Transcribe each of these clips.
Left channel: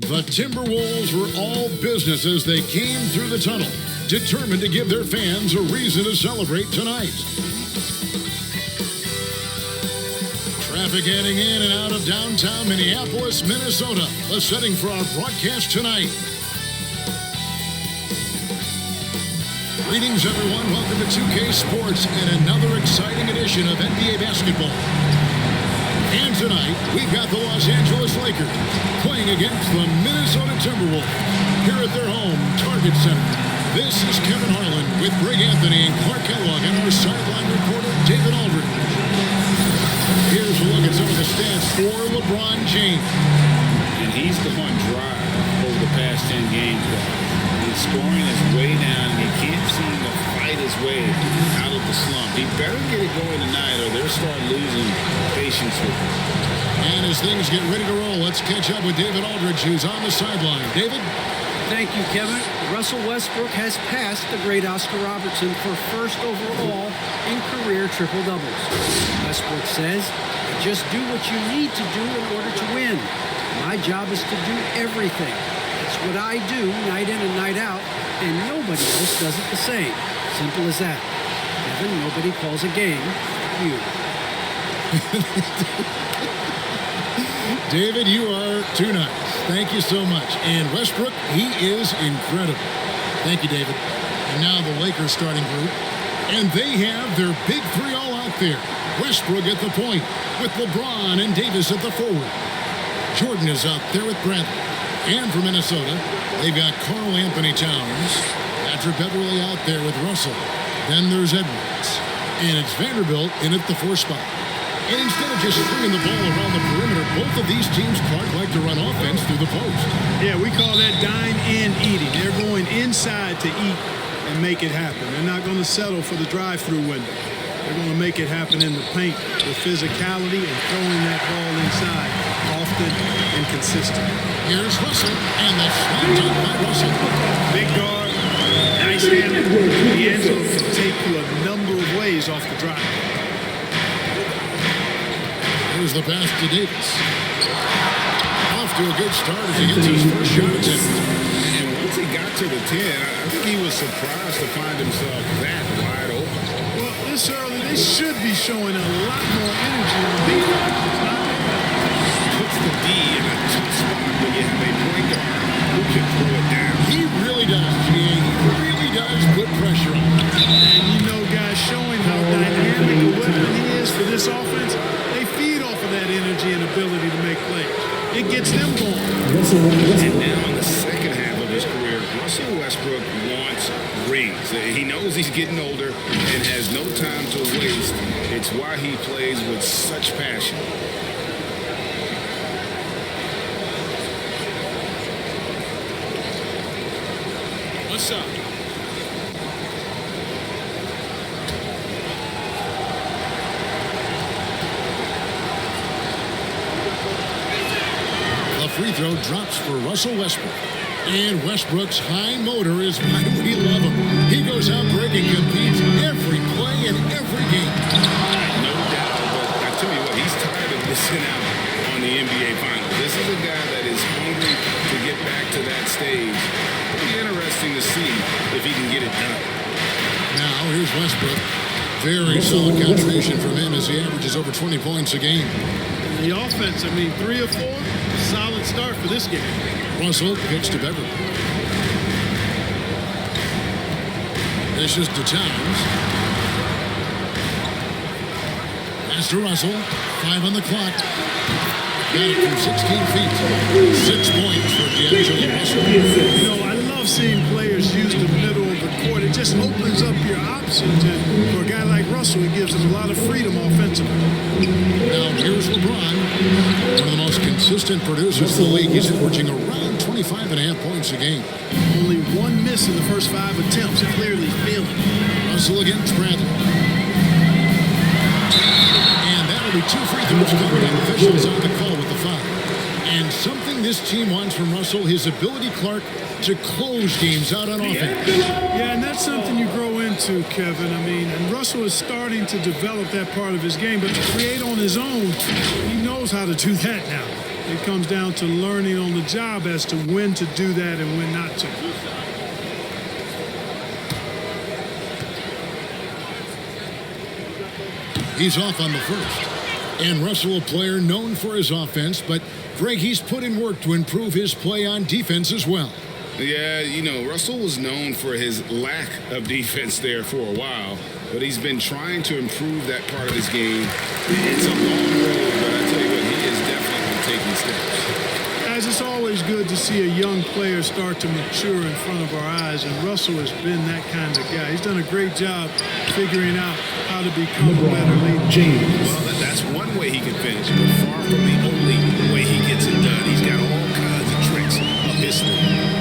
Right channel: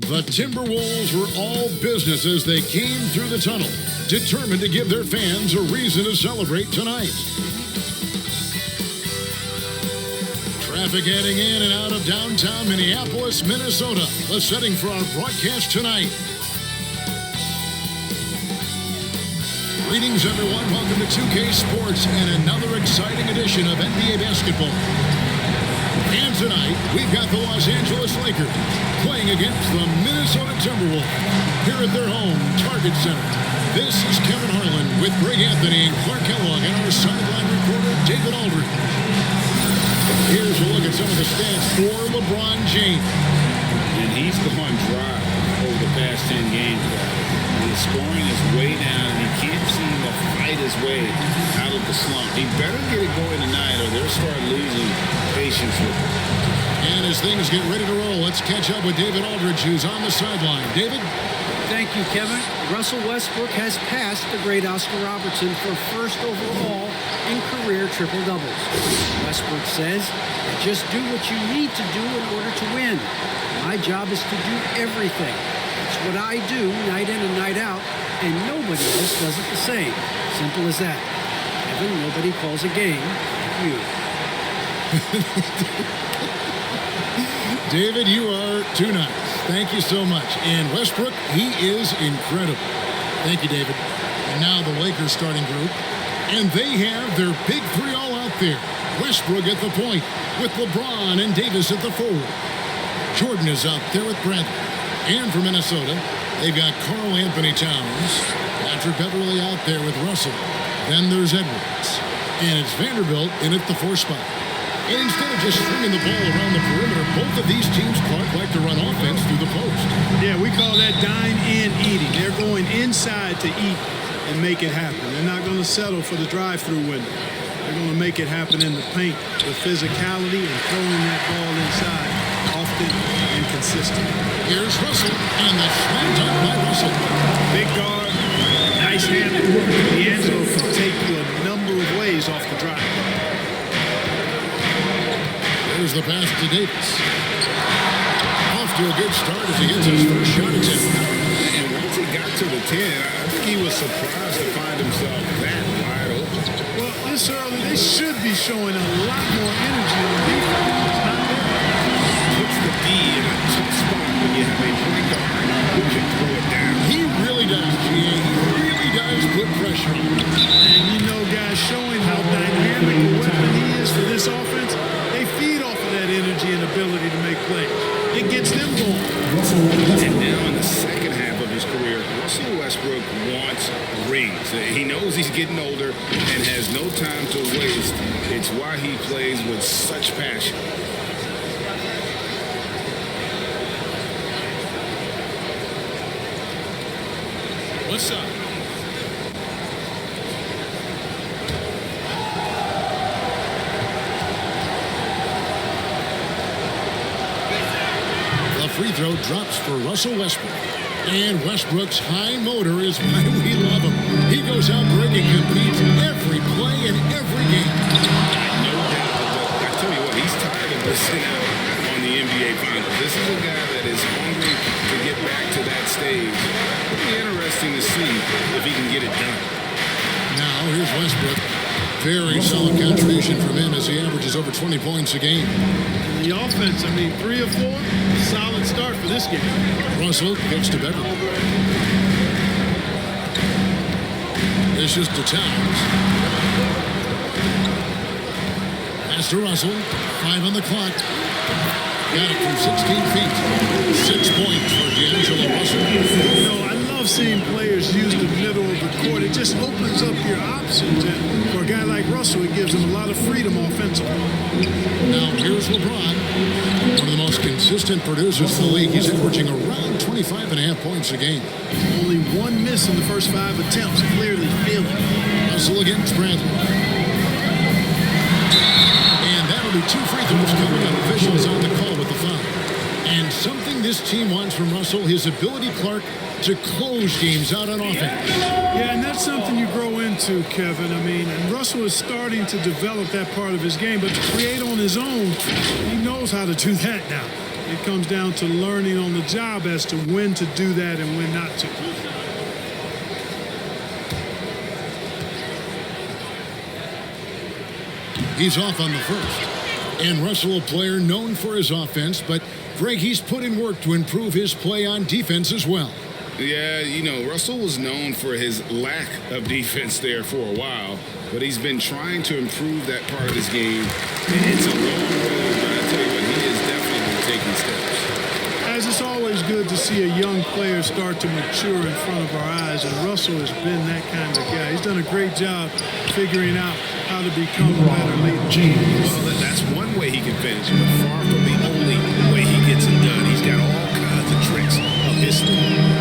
The Timberwolves were all business as they came through the tunnel, determined to give their fans a reason to celebrate tonight. Traffic heading in and out of downtown Minneapolis, Minnesota, the setting for our broadcast tonight. Greetings, everyone. Welcome to 2K Sports and another exciting edition of NBA basketball. And tonight, we've got the Los Angeles Lakers playing against the Minnesota Timberwolves here at their home, Target Center. This is Kevin Harlan with Greg Anthony and Clark Kellogg and our sideline reporter, David Aldridge. Here's a look at some of the stats for LeBron James. And he's gone dry over the past 10 games, guys. His scoring is way down, and he can't seem to fight his way out of the slump. He better get it going tonight, or they'll start losing patience with him. And as things get ready to roll, let's catch up with David Aldridge, who's on the sideline. David? Thank you, Kevin. Russell Westbrook has passed the great Oscar Robertson for first overall in career triple-doubles. Westbrook says, "I just do what you need to do in order to win. My job is to do everything. That's what I do night in and night out, and nobody else does it the same. Simple as that. Kevin, nobody calls a game like you." David, you are too nice. Thank you so much. And Westbrook, he is incredible. Thank you, David. And now the Lakers starting group. And they have their big three all out there. Westbrook at the point with LeBron and Davis at the forward. Jordan is out there with Bradley. And for Minnesota, they've got Karl Anthony Towns, Patrick Beverley out there with Russell. Then there's Edwards. And it's Vanderbilt in at the 4 spot. And instead of just swinging the ball around the perimeter, both of these teams, Clark, like to run offense through the post. Yeah, we call that dine in eating. They're going inside to eat and make it happen. They're not going to settle for the drive-through window. They're going to make it happen in the paint with physicality and throwing that ball inside often and consistently. Here's Russell, and the slam dunk by Russell. Big guard, nice handle. D'Angelo can take you a number of ways off the drive. There's the pass to Davis. Off to a good start as he gets his first shot attempt. And once he got to the 10, I think he was surprised to find himself that wide open. Well, this early, they should be showing a lot more energy on defense. It's not there. Puts the D in a tough spot when you have a point guard who can throw it down. He really does, GA. He really does put pressure on him. And you know, guys, showing how dynamic a weapon he is for this offense, they feed off of that energy and ability to make plays. It gets them going. And now in the second half of his career, Russell Westbrook wants rings. He knows he's getting older and has no time to waste. It's why he plays with such passion. What's up? The free throw drops for Russell Westbrook. And Westbrook's high motor is why we love him. He goes out big and competes every play and every game. No doubt, but I tell you what, he's tired of missing out on the NBA Finals. This is a guy that is hungry to get back to that stage. It'll be interesting to see if he can get it done. Now, here's Westbrook. Very solid contribution from him as he averages over 20 points a game. And the offense, 3 or 4, a solid start for this game. Russell kicks to Beverley. Dishes to Towns. Pass to Russell. 5 on the clock. Got it from 16 feet. 6 points for D'Angelo Russell. You know, I love seeing players use the middle of the court. It just opens up your options. And for a guy like Russell, it gives him a lot of freedom offensively. Now, here's LeBron, one of the most consistent producers in the league. He's averaging around 25.5 points a game. Only 1 miss in the first 5 attempts. Clearly feeling. Russell against Bradley. And that'll be 2 free throws coming up. Officials on the call with the foul. And something this team wants from Russell, his ability, Clark, to close games out on offense. Yeah, and that's something you grow into, Kevin. And Russell is starting to develop that part of his game, but to create on his own, he knows how to do that now. It comes down to learning on the job as to when to do that and when not to. He's off on the first. And Russell, a player known for his offense, but Greg, he's put in work to improve his play on defense as well. Yeah, you know, Russell was known for his lack of defense there for a while, but he's been trying to improve that part of his game. It's a long road, but I tell you what, he is definitely taking steps. Guys, it's always good to see a young player start to mature in front of our eyes, and Russell has been that kind of guy. He's done a great job figuring out how to become a better leader. Well, that's one way he can finish, but far from the only way he gets it done. He's got all kinds of tricks up his sleeve.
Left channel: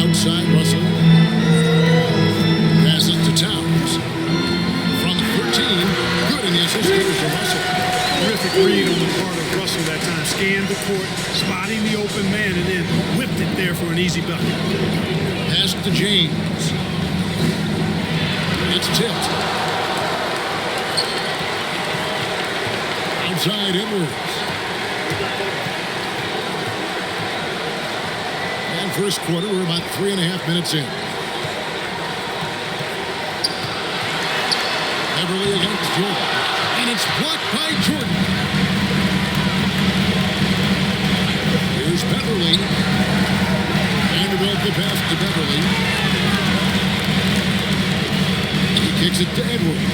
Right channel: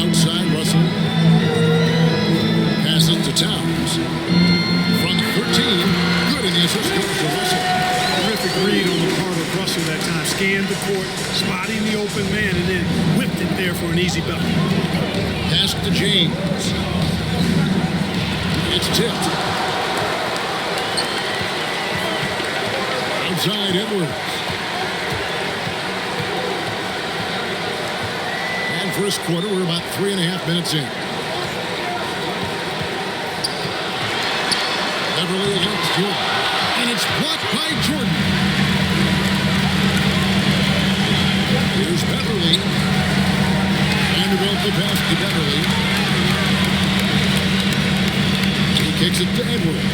Outside, Russell passes to Towns. From 13, good, and the assist goes to Russell. Terrific read on the part of Russell that time. Scanned the court, spotting the open man, and then whipped it there for an easy bucket. Pass to James. It's tipped. Outside, Edwards. And first quarter, we're about 3.5 minutes in. Beverly against Jordan. And it's blocked by Jordan. Here's Beverly. Vanderbilt the pass to Beverly. He kicks it to Edwards.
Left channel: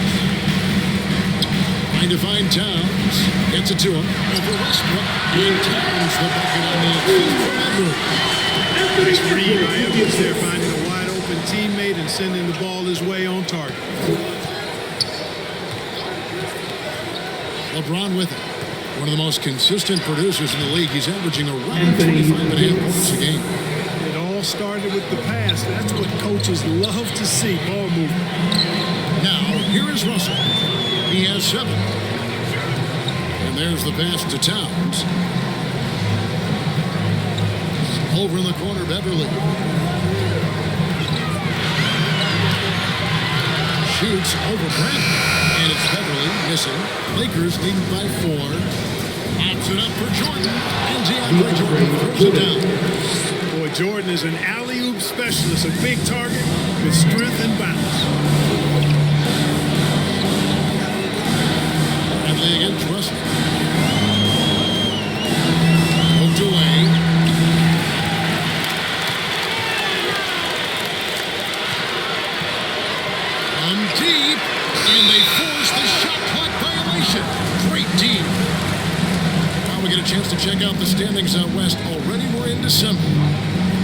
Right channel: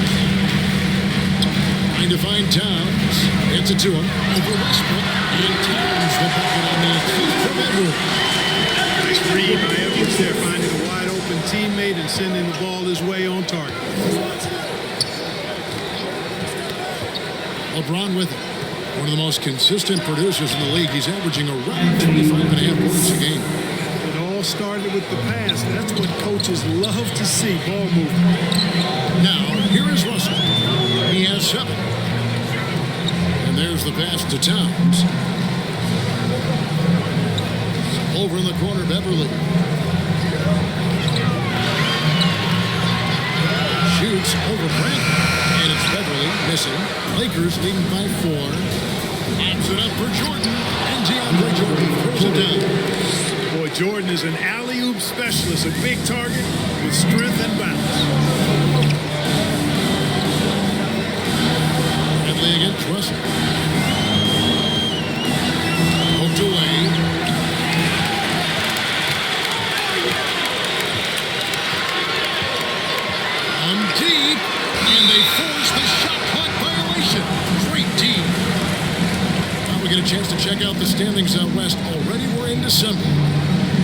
Trying to find Towns. Gets it to him. Over Westbrook. And Towns the bucket on the assist from Edwards. Nice read by Edwards there, finding a wide open teammate and sending the ball his way on target. Lebron with it. One of the most consistent producers in the league. He's averaging around 25.5 points a game. It all started with the pass. That's what coaches love to see, ball movement. Now, here is Russell. He has 7. And there's the pass to Towns. Over in the corner, Beverly. Shoots over Bradley. And it's Beverly missing. Lakers leading by 4. Pops it up for Jordan. And DeAndre Jordan throws it down. Boy, Jordan is an alley-oop specialist, a big target with strength and bounce. Bradley against Russell. Poked away. Deep, and they force the shot clock violation. Great D. Now we get a chance to check out the standings out west. Already we're in December.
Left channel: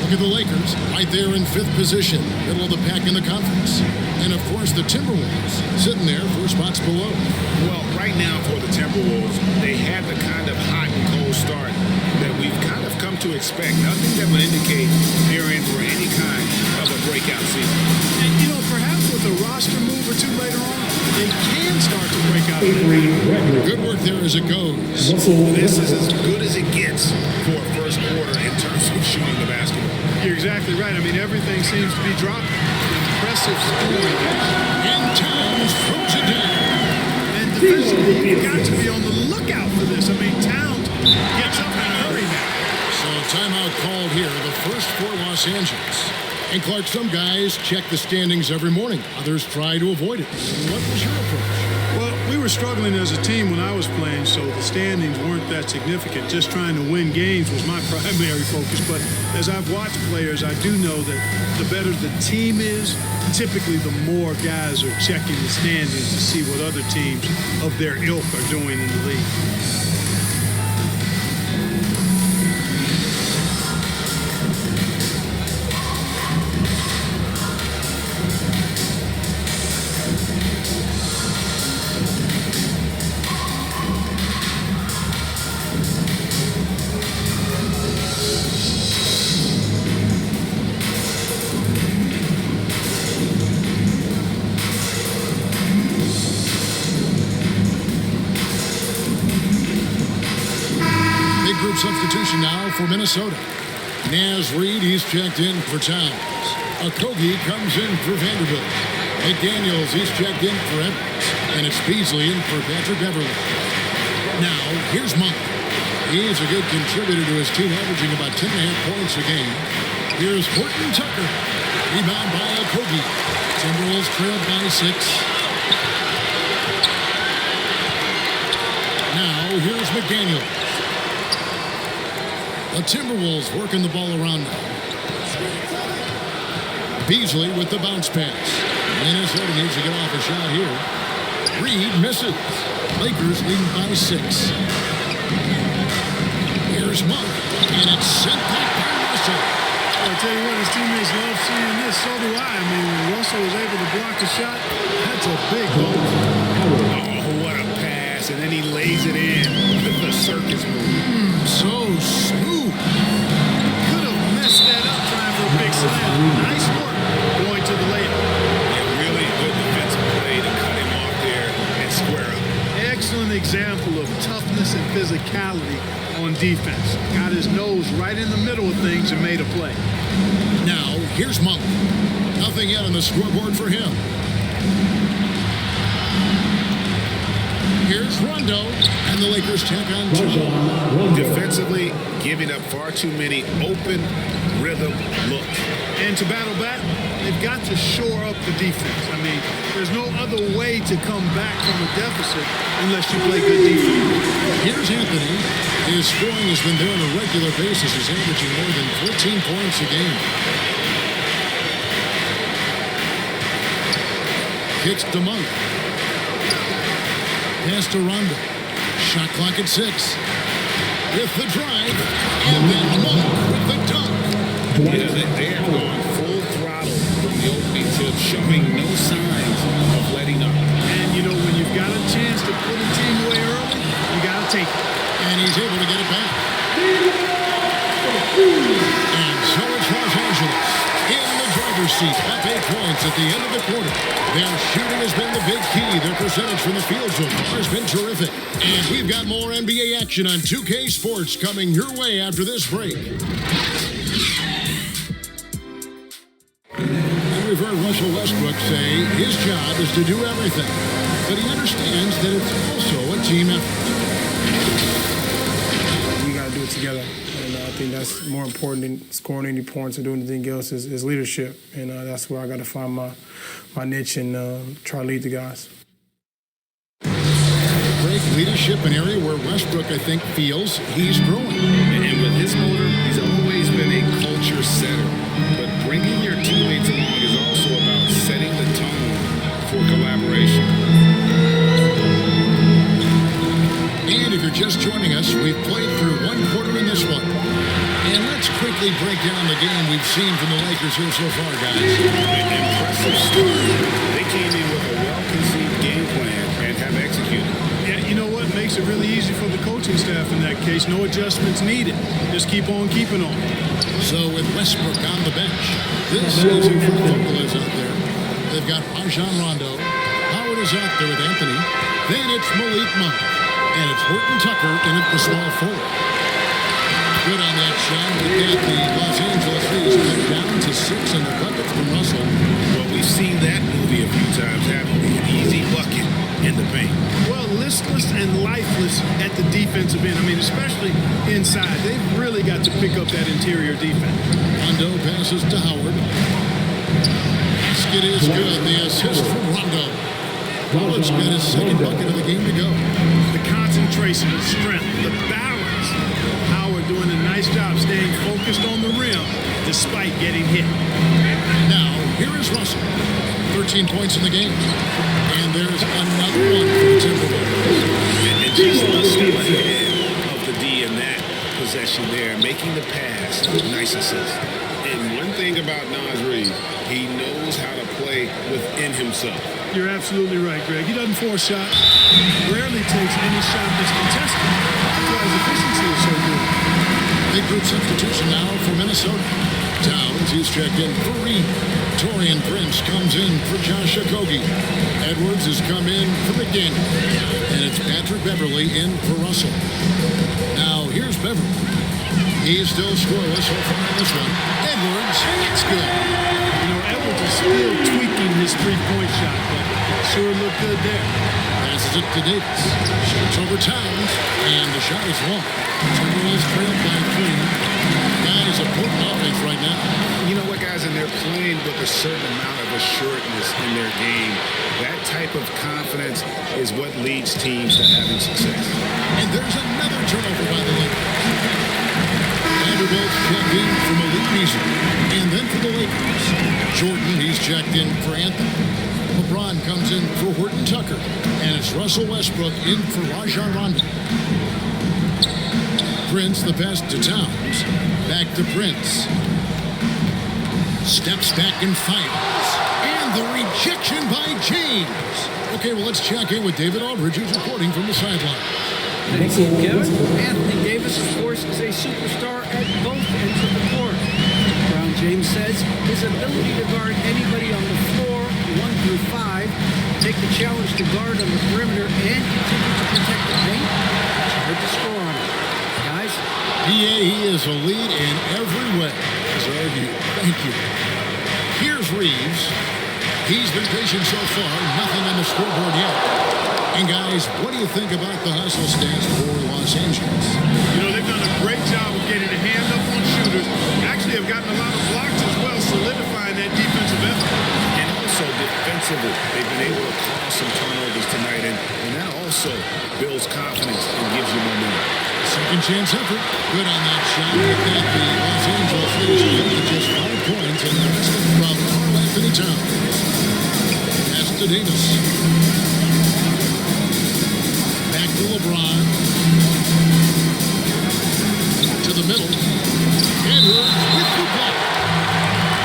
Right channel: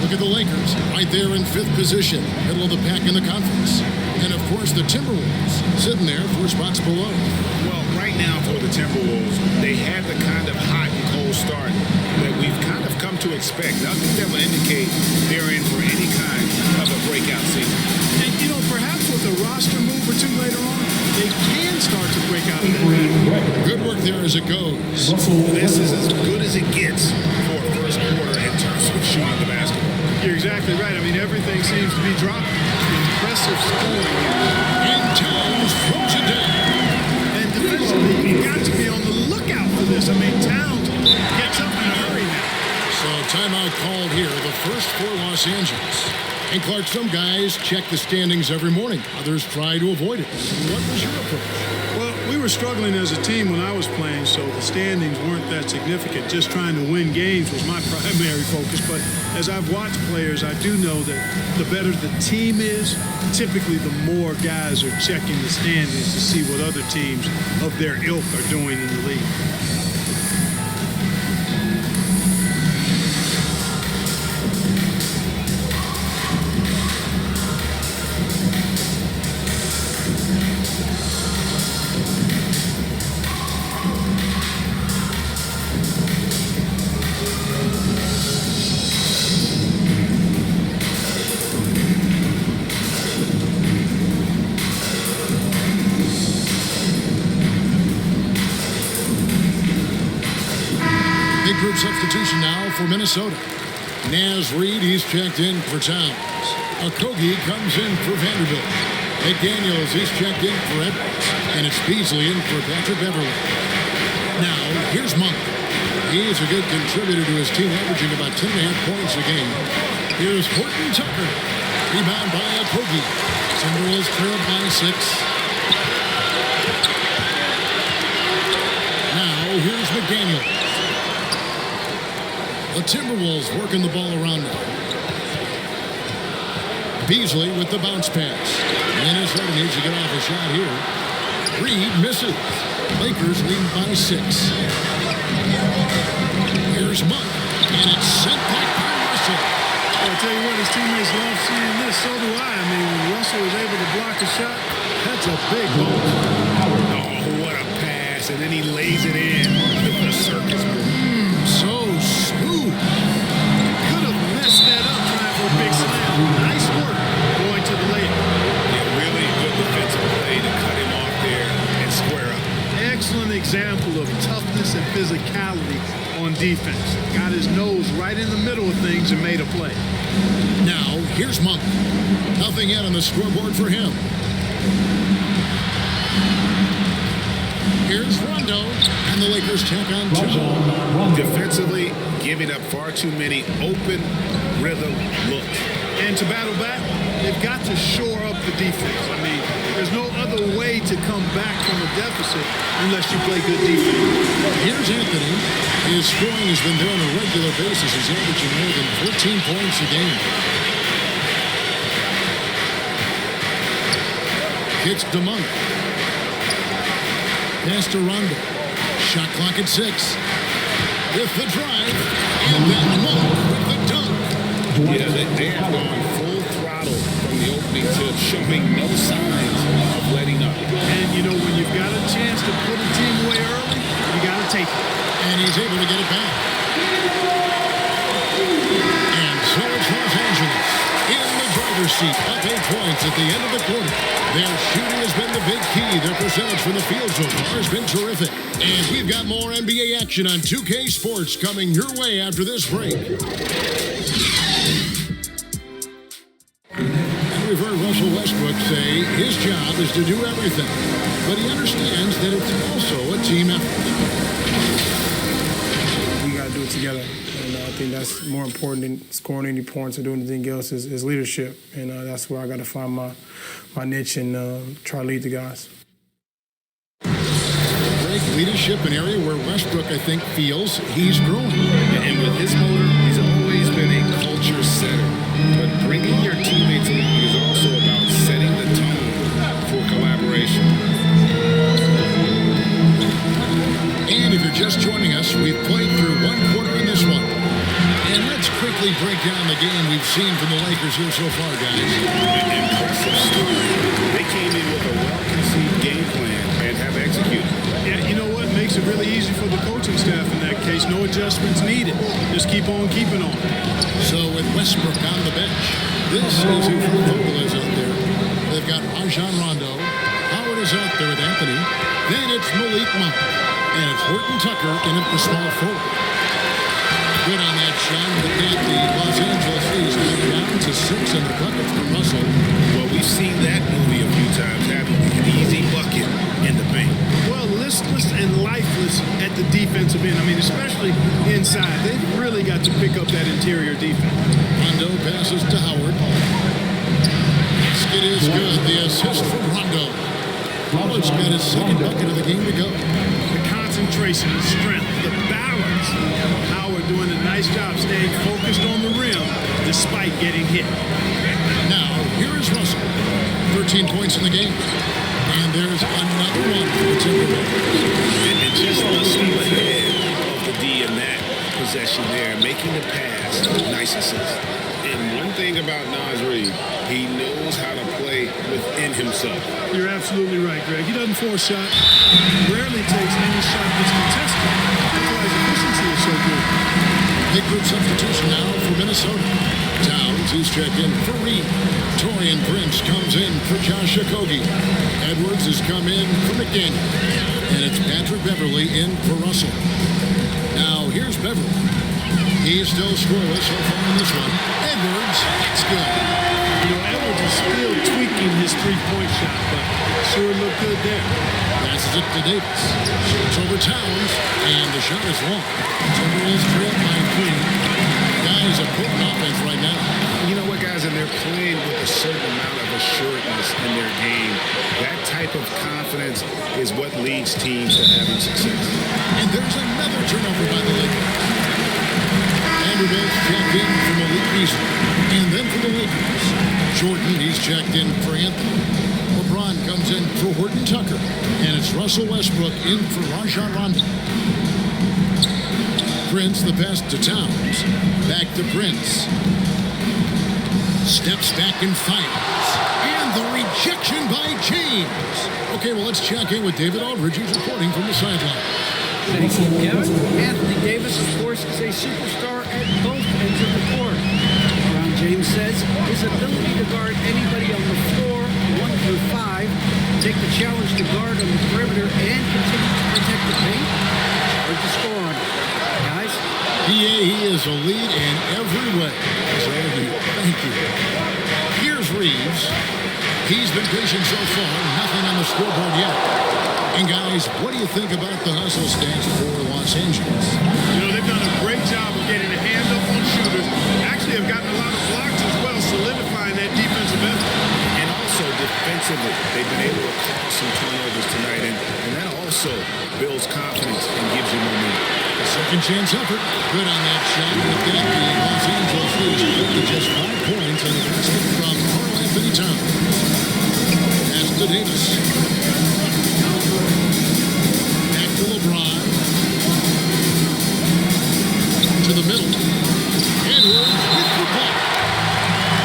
Look at the Lakers right there in 5th position, middle of the pack in the conference. And of course the Timberwolves sitting there 4 spots below. Well, right now for the Timberwolves, they had the kind of hot and cold start that we've kind of come to expect. Nothing that would indicate they're in for any kind of a breakout season. And, you know, perhaps with a roster move or two later on, they can start to break out of that pattern. Good work there as it goes. This is as good as it gets for a first quarter in terms of shooting the basketball. You're exactly right. I mean, everything seems to be dropping. Impressive scoring here. And Towns throws it down. And defensively, you've got to be on the lookout for this. I mean, Towns gets up in a hurry now. So timeout called here, the first for Los Angeles. And Clark, some guys check the standings every morning. Others try to avoid it. What was your approach? Well, we were struggling as a team when I was playing, so the standings weren't that significant. Just trying to win games was my primary focus. But as I've watched players, I do know that the better the team is, typically the more guys are checking the standings to see what other teams of their ilk are doing in the league. Big group substitution now for Minnesota. Naz Reid, he's checked in for Towns. Okogie comes in for Vanderbilt. McDaniels, he's checked in for Edwards. And it's Beasley in for Patrick Beverly. Now, here's Monk. He is a good contributor to his team, averaging about 10.5 points a game. Here's Horton Tucker. Rebound by Okogie. Timberwolves trailed by 6. Now, here's McDaniel. The Timberwolves working the ball around now. Beasley with the bounce pass. Minnesota needs to get off a shot here. Reed misses. Lakers leading by 6. Here's Monk, and it's sent back by Russell. Well, I tell you what, his teammates love seeing this. So do I. I mean, when Russell is able to block a shot, that's a big bonus. Oh, what a pass. And then he lays it in. The circus move. So smooth. Could have messed that up trying for a big slam. Nice work going to the layup. Yeah, really good defensive play to cut him off there and square up. Excellent example of toughness and physicality on defense. Got his nose right in the middle of things and made a play. Now, here's Monk. Nothing yet on the scoreboard for him. Here's Rondo, and the Lakers tack on 2 more. Defensively, giving up far too many open rhythm looks. And to battle back, they've got to shore up the defense. I mean, there's no other way to come back from a deficit unless you play good defense. Here's Anthony. His scoring has been there on a regular basis. He's averaging more than 14 points a game. Kicks to Monk. Pass to Rondo. Shot clock at 6. With the drive, and then Monk with the dunk. Yeah, they have gone full throttle from the opening tip, showing no signs of letting up. And, you know, when you've got a chance to put a team away early, you got to take it. And he's able to get it back. And so it's Los Angeles in the driver's seat, up 8 points at the end of the quarter. Their shooting has been the big key. Their percentage from the field so far has been terrific. And we've got more NBA action on 2K Sports coming your way after this break. And we've heard Russell Westbrook say his job is to do everything, but he understands that it's also a team effort. We got to do it together. And I think that's more important than scoring any points or doing anything else is leadership. And that's where I got to find my niche and try to lead the guys. Break leadership, an area where Westbrook, I think, feels he's growing. And with his motor, he's always been a culture setter. But bringing your teammates along is also about setting the tone for collaboration. And if you're just joining us, we've played through 1 quarter in this one. And let's quickly break down the game we've seen from the Lakers here so far, guys. Impressive start. They came in with a well-conceived game plan and have executed. Yeah, you know what? Makes it really easy for the coaching staff in that case. No adjustments needed. Just keep on keeping on. So with Westbrook on the bench, this is who Fred Vogel is out there. They've got Rajon Rondo. Howard is out there with Anthony. Then it's Malik Monk. And it's Horton Tucker in at the small forward. Good on that shot. With that, the Los Angeles leads cut down to 6 and the buckets from Russell. Well, we've seen that movie a few times, haven't we? An easy bucket in the paint. Well, listless and lifeless at the defensive end. I mean, especially inside. They've really got to pick up that interior defense. Rondo passes to Howard. Basket is good. The assist from Rondo. Howard's got his second bucket of the game to go. The concentration, the strength, the balance. Howard doing a nice job staying focused on the rim despite getting hit. Now, here is Russell. 13 points in the game. And there's another one for the Timberwolves. And just a step ahead of the D in that possession there, making the pass. Nice assist. And one thing about Naz Reid, he knows how to play within himself. You're absolutely right, Greg. He doesn't force shots. Rarely takes any shot that's contested. That's why his efficiency is so good. Big group substitution now for Minnesota. Towns, he's checked in for Reed. Torian Prince comes in for Josh Okogie. Edwards has come in for McDaniel. And it's Patrick Beverley in for Russell. Now, here's Beverley. He's still scoreless so far in this one. Edwards, that's good. You know, Edwards is still tweaking his three-point shot, but it sure looked good there. Passes it to Davis. Shoots over Towns, and the shot is long. Timberwolves trailed by 3. Guys, a potent offense right now. You know what, guys? And they're playing with a certain amount of assuredness in their game. That type of confidence is what leads teams to having success. And there's another turnover by the Lakers. Vanderbilt's checked in for Malik Beasley. And then for the Lakers, Jordan, he's checked in for Anthony. LeBron comes in for Horton Tucker. And it's Russell Westbrook in for Rajon Rondo. Prince, the pass to Towns. Back to Prince. Steps back and fires. And the rejection by James. Okay, well, let's check in with David Aldridge, who's reporting from the sideline. Thank you, Kevin. Anthony Davis, of course, is a superstar at both ends of the court. LeBron James says his ability to guard anybody on the floor, 1 through 5, take the challenge to guard on the perimeter, and continue to protect the paint, it's hard to score on him. Guys? PA, he is a lead in every way, as are you. Thank you. Here's Reeves. He's been patient so far, nothing on the scoreboard yet. And guys, what do you think about the hustle stats for Los Angeles? You know, they've done a great job of getting a hand up on shooters. Actually have gotten a lot of blocks as well, solidifying that defensive effort. And also defensively, they've been able to cause some turnovers tonight, and that also builds confidence and gives you momentum. Second chance effort. Good on that shot. With that, the Los Angeles lead is cut to just 5 points on the basket from Karl Anthony Towns. Pass to Davis. Back to LeBron. To the middle. Edwards with the block.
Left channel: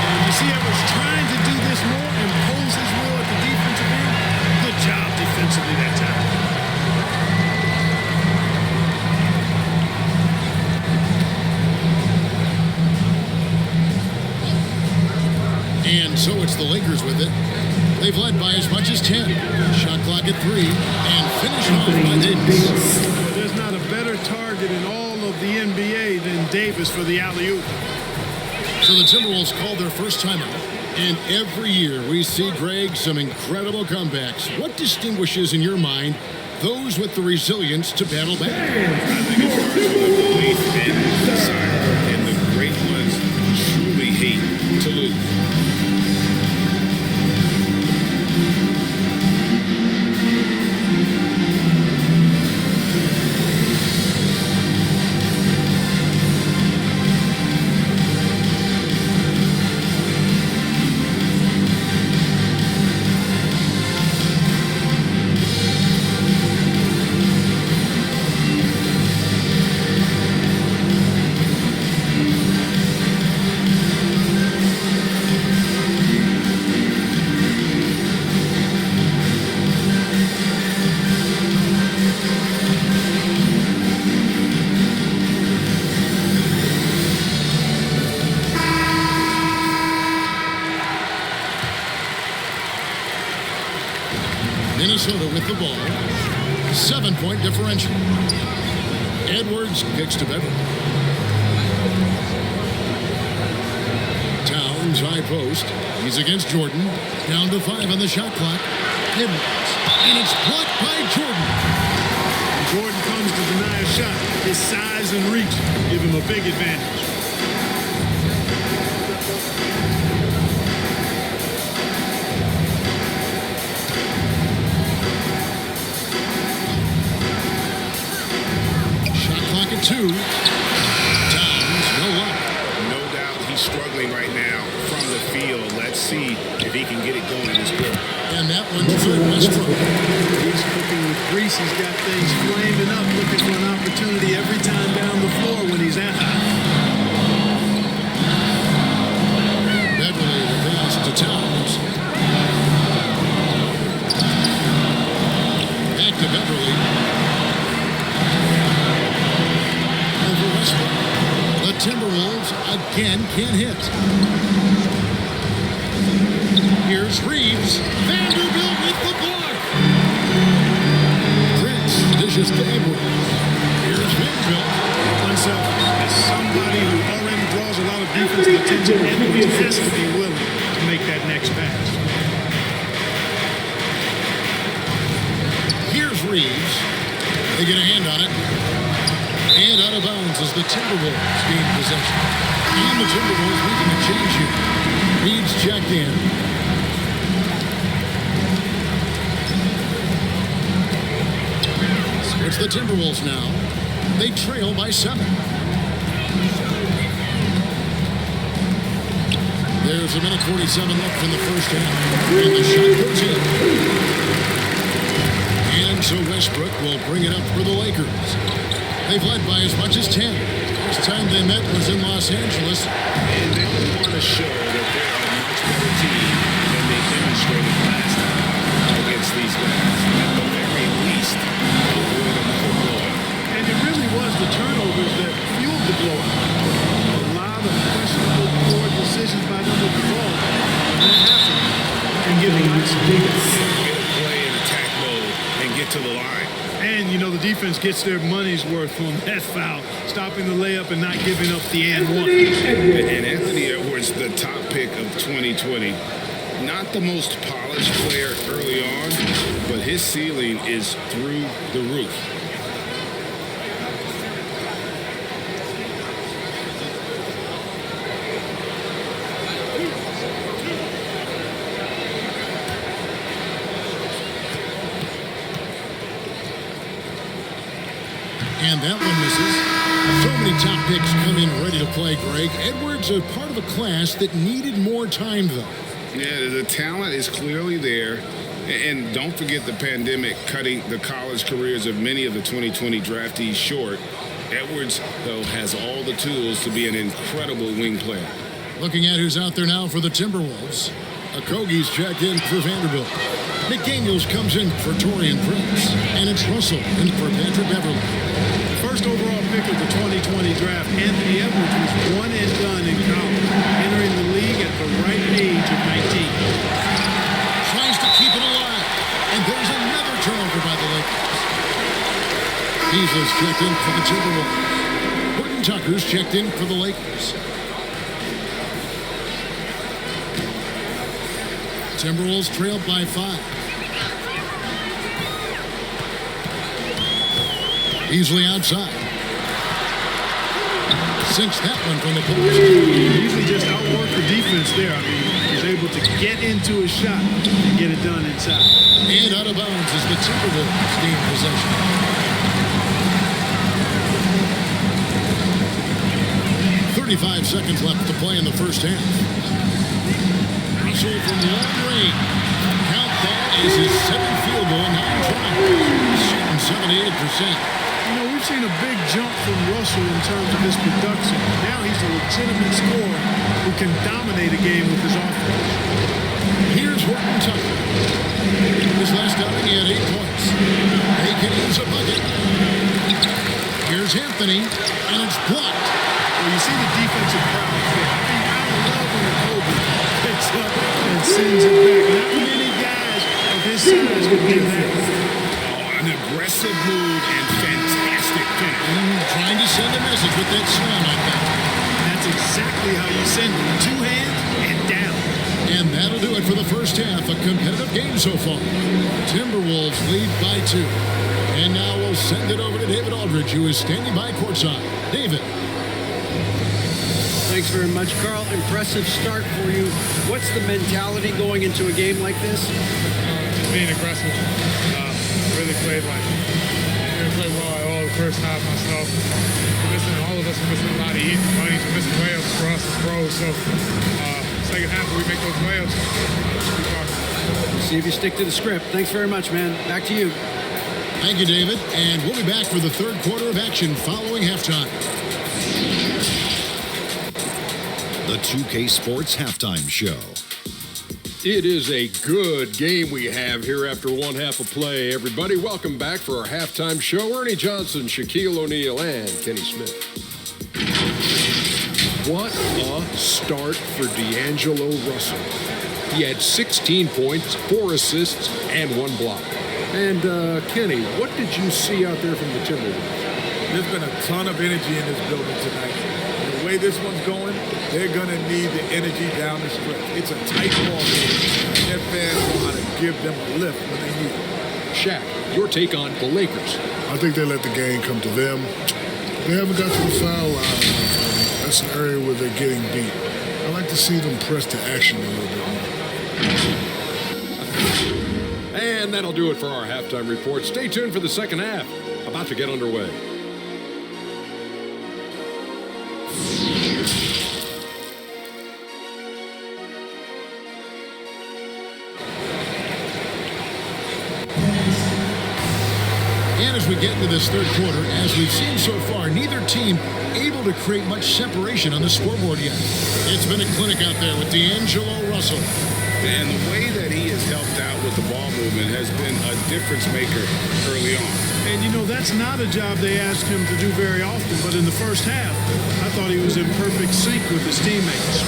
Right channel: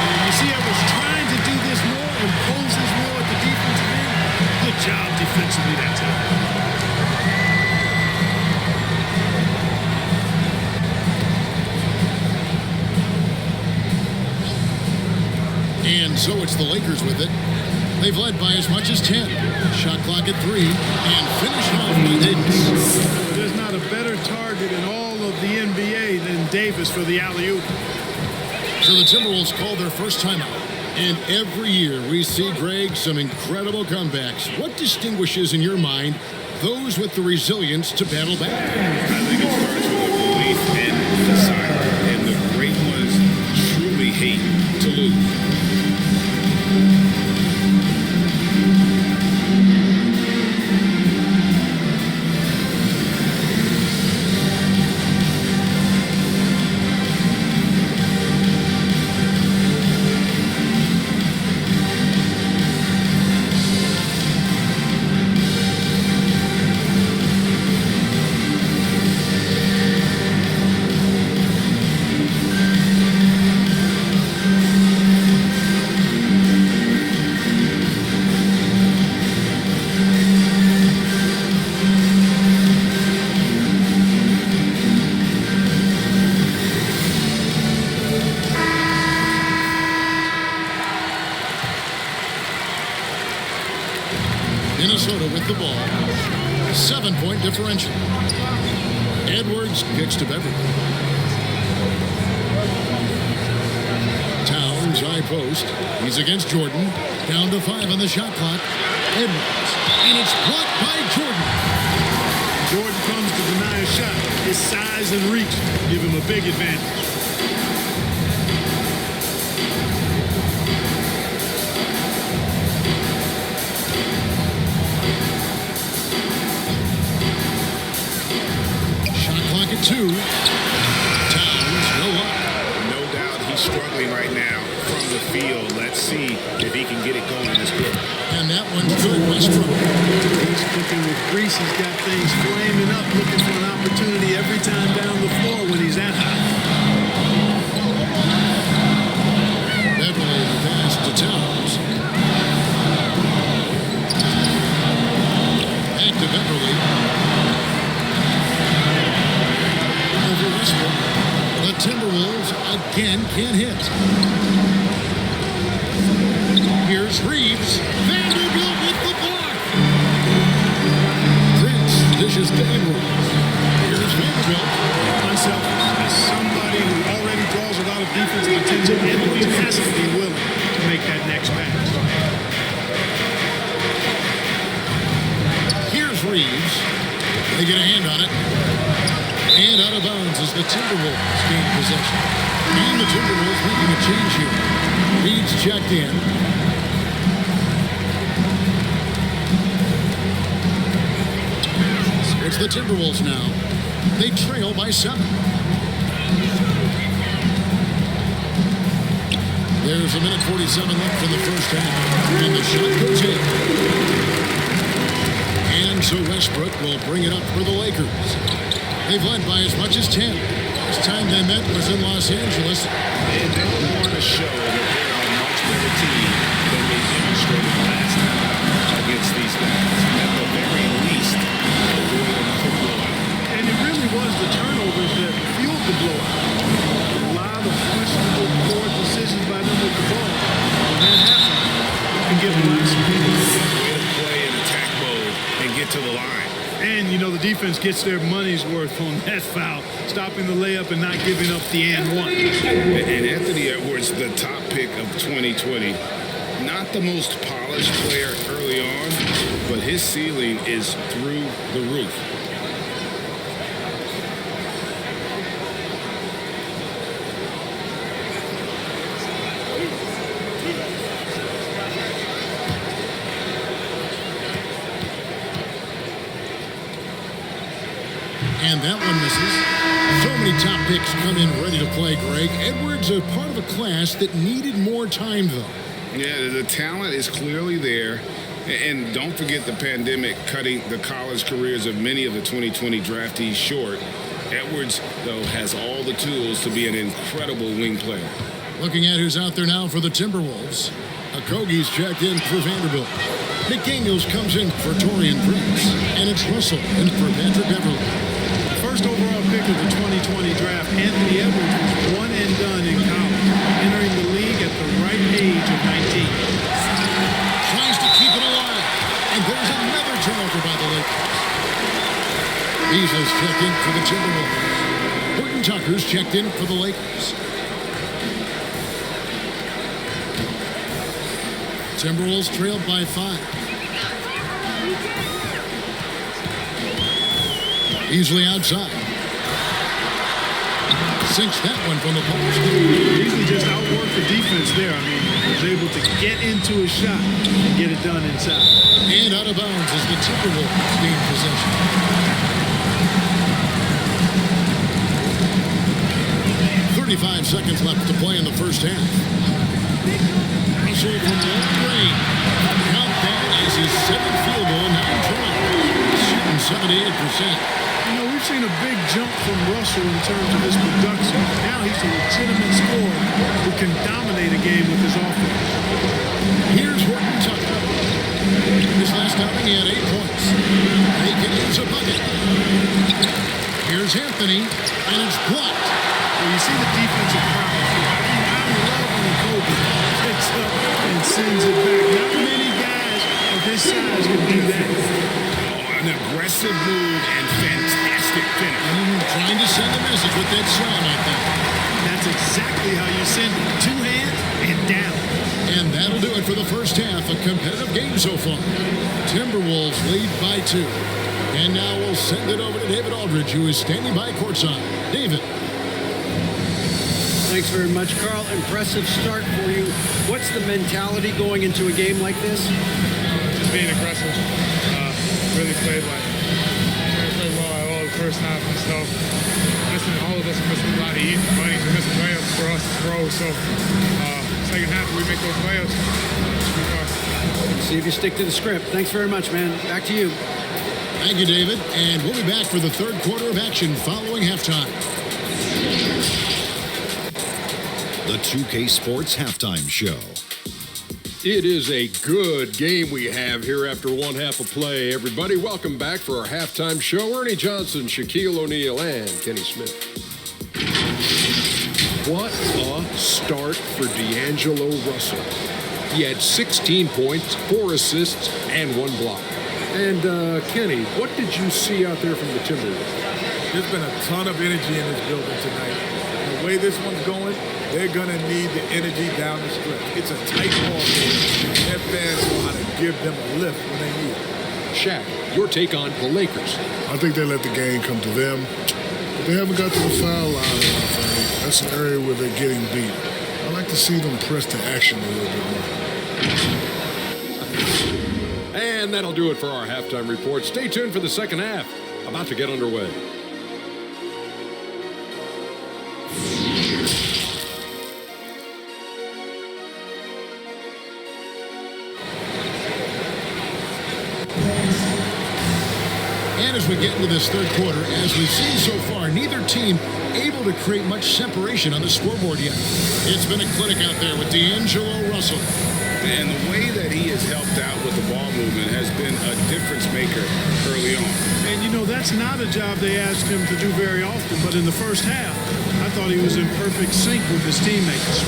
And you see Edwards trying to do this more, impose his will at the defensive end. Good job defensively that time. And so it's the Lakers with it. They've led by as much as 10. Shot clock at 3 and finished off by Davis. Boy, there's not a better target in all of the NBA than Davis for the alley-oop. So the Timberwolves called their first timeout. And every year we see, Greg, some incredible comebacks. What distinguishes, in your mind, those with the resilience to battle back? I think it starts with a belief and desire. And the great ones truly hate to lose. Minnesota with the ball. 7-point differential. Edwards kicks to Beverly. Towns, high post. He's against Jordan. Down to 5 on the shot clock. Edwards. And it's blocked by Jordan. And Jordan comes to deny a shot. His size and reach give him a big advantage. Shot clock at 2. Towns, no luck. No doubt he's struggling right now from the field. Let's see if he can get it going this quarter. And that one's good. Westbrook. He's cooking with grease. He's got things flaming up, looking for an opportunity every time down the floor when he's at high. Beverly, the pass to Towns. Back to Beverly. Over Westbrook. The Timberwolves again can't hit. Here's Reeves. Vanderbilt with the block. Prince dishes to Edwards. Here's Vanderbilt. Unselfish. As somebody who already draws a lot of defensive attention, Edwards has to be willing to make that next pass. is Reeves. They get a hand on it. And out of bounds as the Timberwolves gain possession. And the Timberwolves making a change here. Reeves checked in. So it's the Timberwolves now. They trail by 7. There's 1:47 left in the first half. And the shot goes in. And so Westbrook will bring it up for the Lakers. They've led by as much as 10. Last time they met was in Los Angeles. And they'll want to show that they're a much better team than they demonstrated last time out against these guys. At the very least, avoid another blowout. And it really was the turnovers that fueled the blowout. A lot of questionable, poor decisions by them with the ball. When that happens, you can get blasted. Yeah, way to play in attack mode and get to the line. And, you know, the defense gets their money's worth on that foul, stopping the layup and not giving up the and one. And Anthony Edwards, the top pick of 2020, not the most polished player early on, but his ceiling is through the roof. And that one misses. So many top picks come in ready to play, Greg. Edwards a part of a class that needed more time, though. Yeah, the talent is clearly there. And don't forget the pandemic cutting the college careers of many of the 2020 draftees short. Edwards, though, has all the tools to be an incredible wing player. Looking at who's out there now for the Timberwolves. Okogie's checked in for Vanderbilt. McDaniels comes in for Taurean Prince. And it's Russell in for Patrick Beverly. First overall pick of the 2020 draft, Anthony Edwards was one and done in college, entering the league at the right age of 19. Tries to keep it alive. And there's another turnover by the Lakers. Beasley's checked in for the Timberwolves. Horton Tucker's checked in for the Lakers. Timberwolves trailed by 5. Beasley outside. Sinks that one from the post. Beasley just outworked the defense there. I mean, he was able to get into a shot and get it done inside. And out of bounds as the Timberwolves gain possession. .35 seconds left to play in the first half. Russell from long range. Count that as his 7th field goal in 9 tries. He's shooting 78%. You know, we've seen a big jump from Russell in terms of his production. Now he's a legitimate scorer who can dominate a game with his offense. Here's Horton Tucker. His last outing, he had 8 points. They could use a bucket. Here's Anthony, and it's blocked. Well, you see the defensive prowess there. I mean, I love when a Kobe picks up and sends it back. Not many guys of his size can do that. An aggressive move and fantastic finish. Trying to send a message with that slam, I think. That's exactly how you send it. 2 hands and down. And that'll do it for the first half. A competitive game so far. Timberwolves lead by 2. And now we'll send it over to David Aldridge, who is standing by courtside. David. Thanks very much, Carl. Impressive start for you. What's the mentality going into a game like this? Just being aggressive. Really played well at all the first half myself. All of us are missing a lot of easy bunnies. We're missing layups for us as pros. So second half, we make those layups, we should be fine. We'll see if you stick to the script. Thanks very much, man. Back to you. Thank you, David. And we'll be back for the third quarter of action following halftime. The 2K Sports Halftime Show. It is a good game we have here after one half of play. Everybody, welcome back for our halftime show. Ernie Johnson, Shaquille O'Neal, and Kenny Smith. What a start for D'Angelo Russell. He had 16 points, 4 assists, and 1 block. And, Kenny, what did you see out there from the Timberwolves? There's been a ton of energy in this building tonight. And the way this one's going, they're going to need the energy down the stretch. It's a tight ball game, and their fans know how to give them a lift when they need it. Shaq, your take on the Lakers. I think they let the game come to them, but they haven't got to the foul line enough, Ernie. That's an area where they're getting beat. I like to see them press to action a little bit more. And that'll do it for our halftime report. Stay tuned for the second half, about to get underway. And as we get into this third quarter, as we've seen so far, neither team able to create much separation on the scoreboard yet. It's been a clinic out there with D'Angelo Russell. And the way that he has helped out with the ball movement has been a difference maker early on. And, you know, that's not a job they asked him to do very often, but in the first half, I thought he was in perfect sync with his teammates.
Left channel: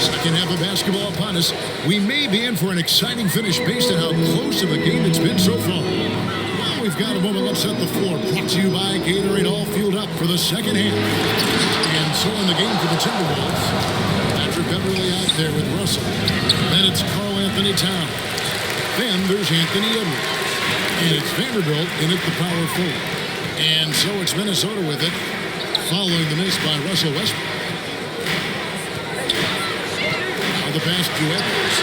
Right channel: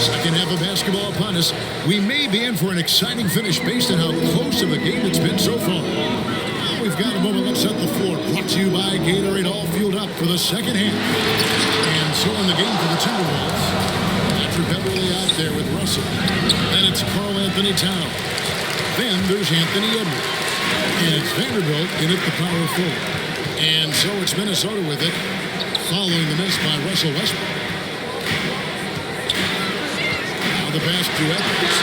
Second half of basketball upon us. We may be in for an exciting finish based on how close of a game it's been so far. Well, we've got a moment. Let's set the floor. Brought to you by Gatorade, all fueled up for the second half. And so in the game for the Timberwolves, Patrick Beverly out there with Russell. Then it's Karl Anthony Towns. Then there's Anthony Edwards. And it's Vanderbilt in at the power forward. And so it's Minnesota with it, following the miss by Russell Westbrook. Now the pass to Edwards.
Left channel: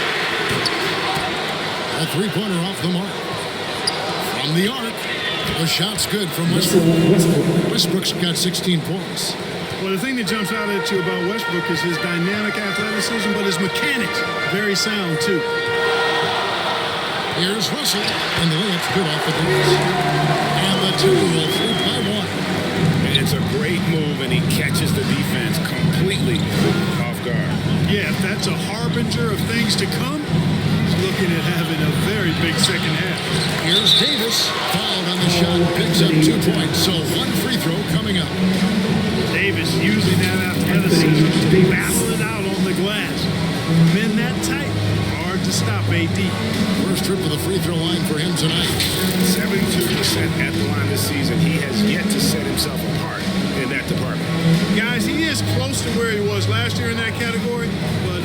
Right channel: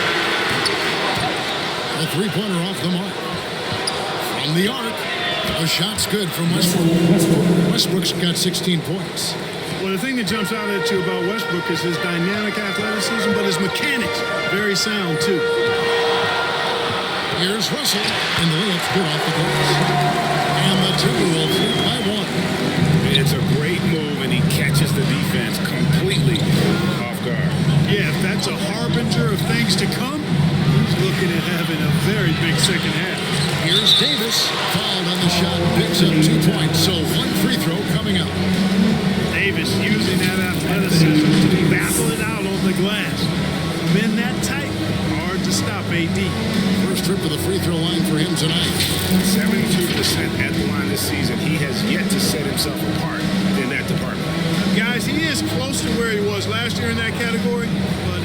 A three-pointer off the mark. From the arc, a shot's good from Westbrook. Westbrook's got 16 points. Well, the thing that jumps out at you about Westbrook is his dynamic athleticism, but his mechanics, very sound, too. Here's Russell, and the layup's good off the glass. And the Timberwolves lead by one. It's a great move, and he catches the defense completely off guard. Yeah, if that's a harbinger of things to come, he's looking at having a very big second half. Here's Davis, fouled on the shot, picks up 2 points, so one free throw coming up. Davis using that athleticism to battle it out on the glass. From in that tight, hard to stop AD. First trip to the free throw line for him tonight. 72% at the line this season. He has yet to set himself apart in that department. Guys, he is close to where he was last year in that category, but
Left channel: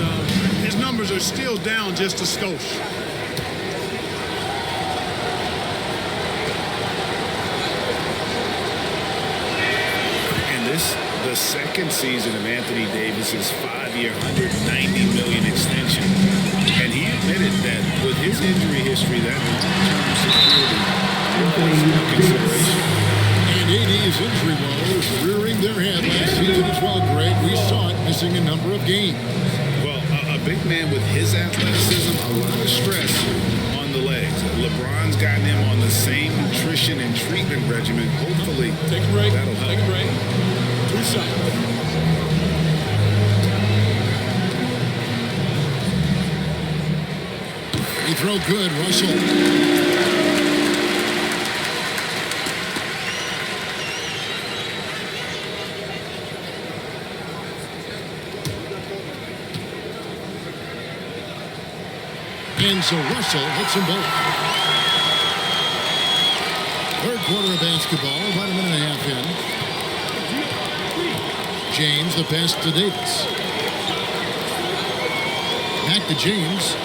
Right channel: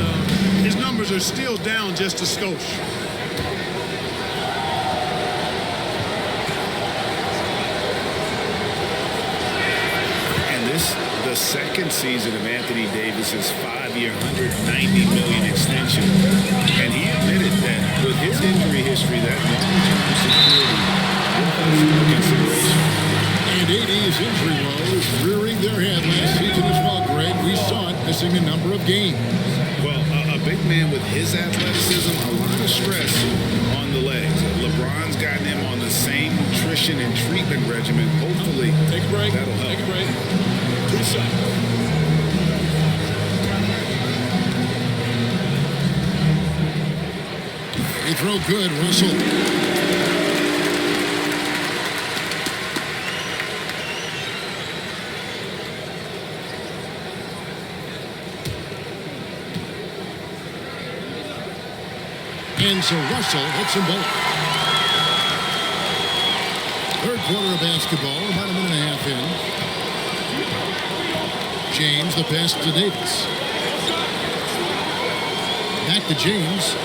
his numbers are still down just a skosh. And this, the second season of Anthony Davis's 5-year, $190 million extension. And he admitted that with his injury history, that long-term security was a consideration. And AD's injury woes rearing their head last season as well, Greg. We saw it missing a number of games. Well, a big man with his athleticism, a lot of stress on the legs. LeBron's gotten him on the same nutrition and treatment regimen. Hopefully, take a break. That'll help. Take a break. 2 shots. Free throw good, Russell. And so Russell hits them both. Third quarter of basketball, about a minute and a half in. James, the pass to Davis. Back to James.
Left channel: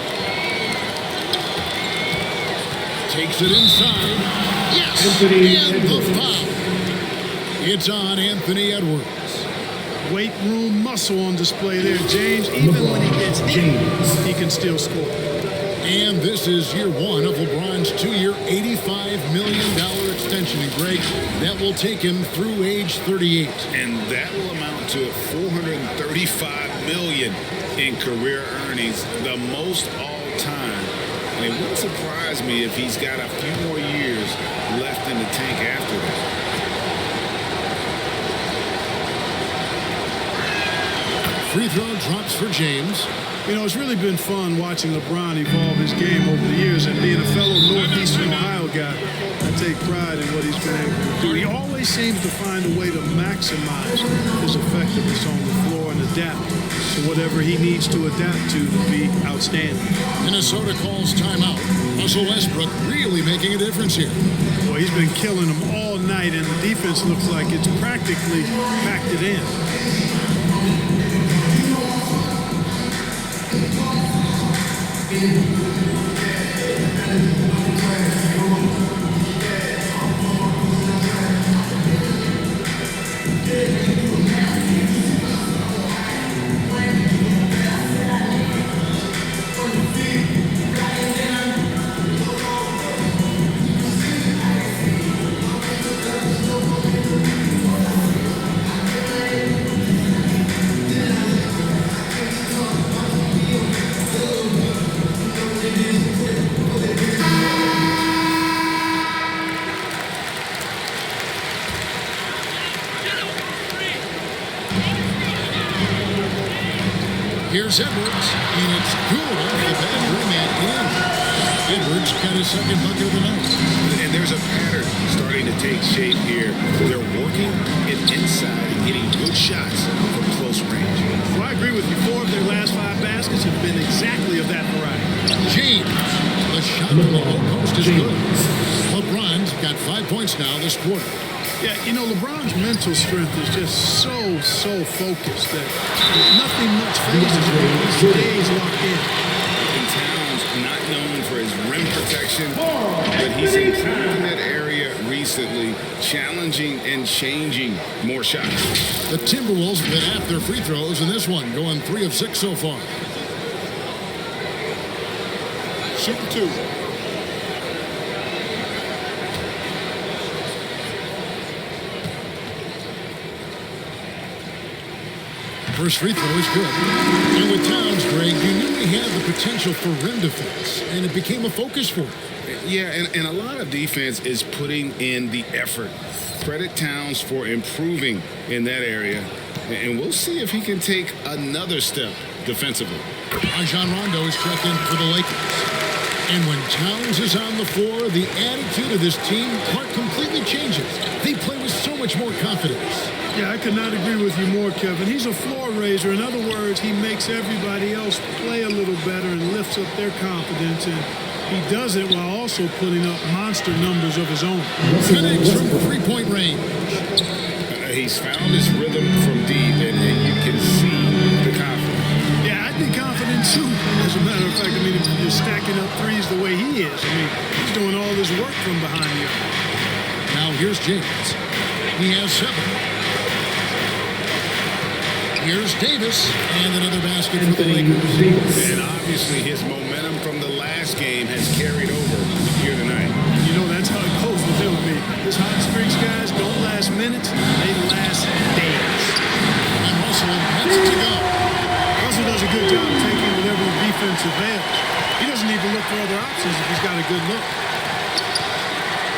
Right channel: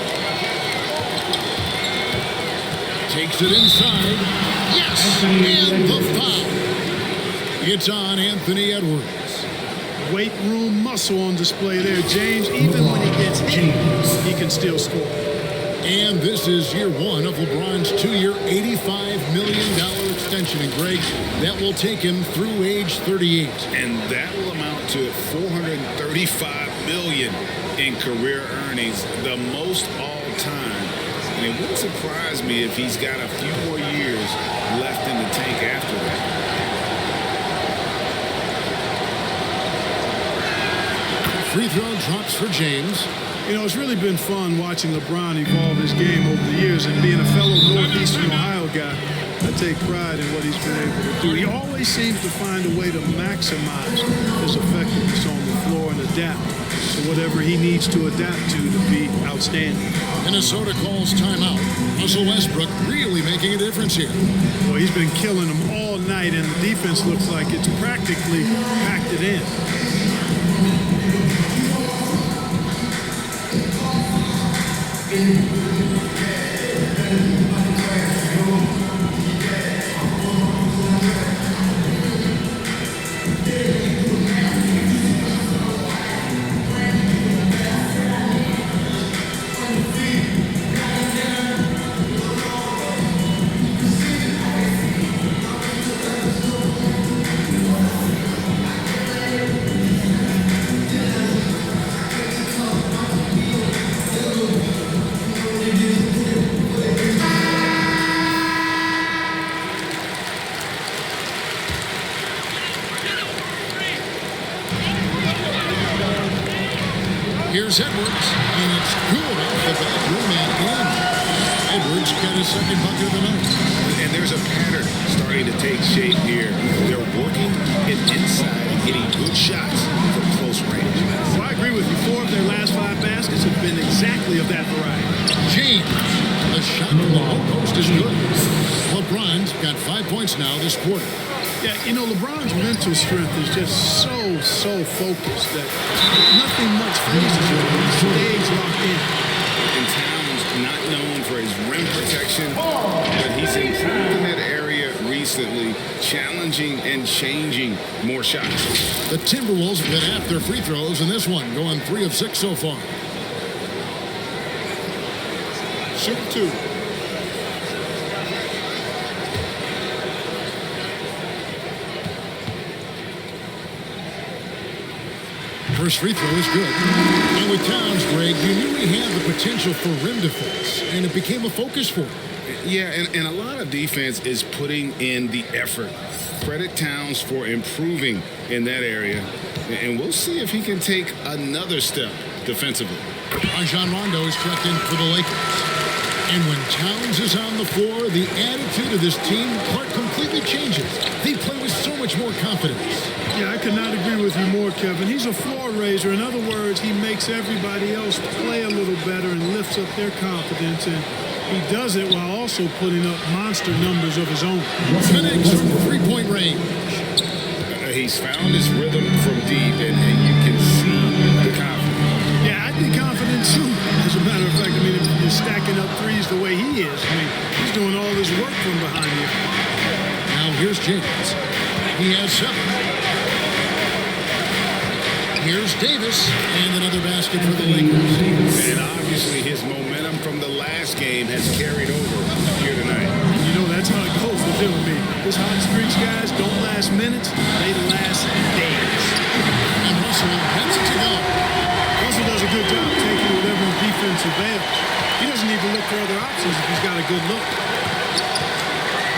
Takes it inside. Yes! And the foul. It's on Anthony Edwards. Weight room muscle on display there, James. Even when he gets hit, he can still score. And this is year one of LeBron's 2-year, $85 million extension. And Greg, that will take him through age 38. And that will amount to $435 million in career earnings, the most all time. And it wouldn't surprise me if he's got a few more years left in the tank after that. Free throw drops for James. You know, it's really been fun watching LeBron evolve his game over the years, and being a fellow Northeastern Ohio guy, I take pride in what he's been able to do. He always seems to find a way to maximize his effectiveness on the floor and adapt to whatever he needs to adapt to be outstanding. Minnesota calls timeout. Russell Westbrook really making a difference here. Boy, he's been killing them all night, and the defense looks like it's practically packed it in. Here's Edwards, and it's good off the back rim and in. Edwards got his second bucket of the night. And there's a pattern starting to take shape here. They're working it inside and getting good shots from close range. Well, I agree with you. 4 of their last 5 baskets have been exactly of that variety. James, the shot from the low post is good. LeBron's got 5 points now this quarter. Yeah, you know, LeBron's mental strength is just so focused that nothing much phases him. He stays locked in. And Towns, not known for his rim protection, but he's improved in that area recently, challenging and changing more shots. The Timberwolves have been half their free throws in this one, going 3 of 6 so far. Shooting 2. First free throw is good. And with Towns, Greg, you knew he had the potential for rim defense, and it became a focus for him. Yeah, and a lot of defense is putting in the effort. Credit Towns for improving in that area, and we'll see if he can take another step defensively. Rajon Rondo is checked in for the Lakers. And when Towns is on the floor, the attitude of this team completely changes. They play with so much more confidence. Yeah, I could not agree with you more, Kevin. He's a floor raiser. In other words, he makes everybody else play a little better and lifts up their confidence. And he does it while also putting up monster numbers of his own. Connects from three-point range. He's found his rhythm from deep, and you can see the confidence. Yeah, I'd be confident too. As a matter of fact, I mean, if you're stacking up threes the way he is, I mean, he's doing all this work from behind the arc. Now here's James. He has 7. Here's Davis, and another basket for the Lakers. And obviously his momentum from the last game has carried over here tonight. You know, that's how it goes with him. I mean, his hot streaks, guys, don't last minutes. They last days. And Russell gets it to go. Russell does a good job taking whatever the defense avails. He doesn't even look for other options if he's got a good look.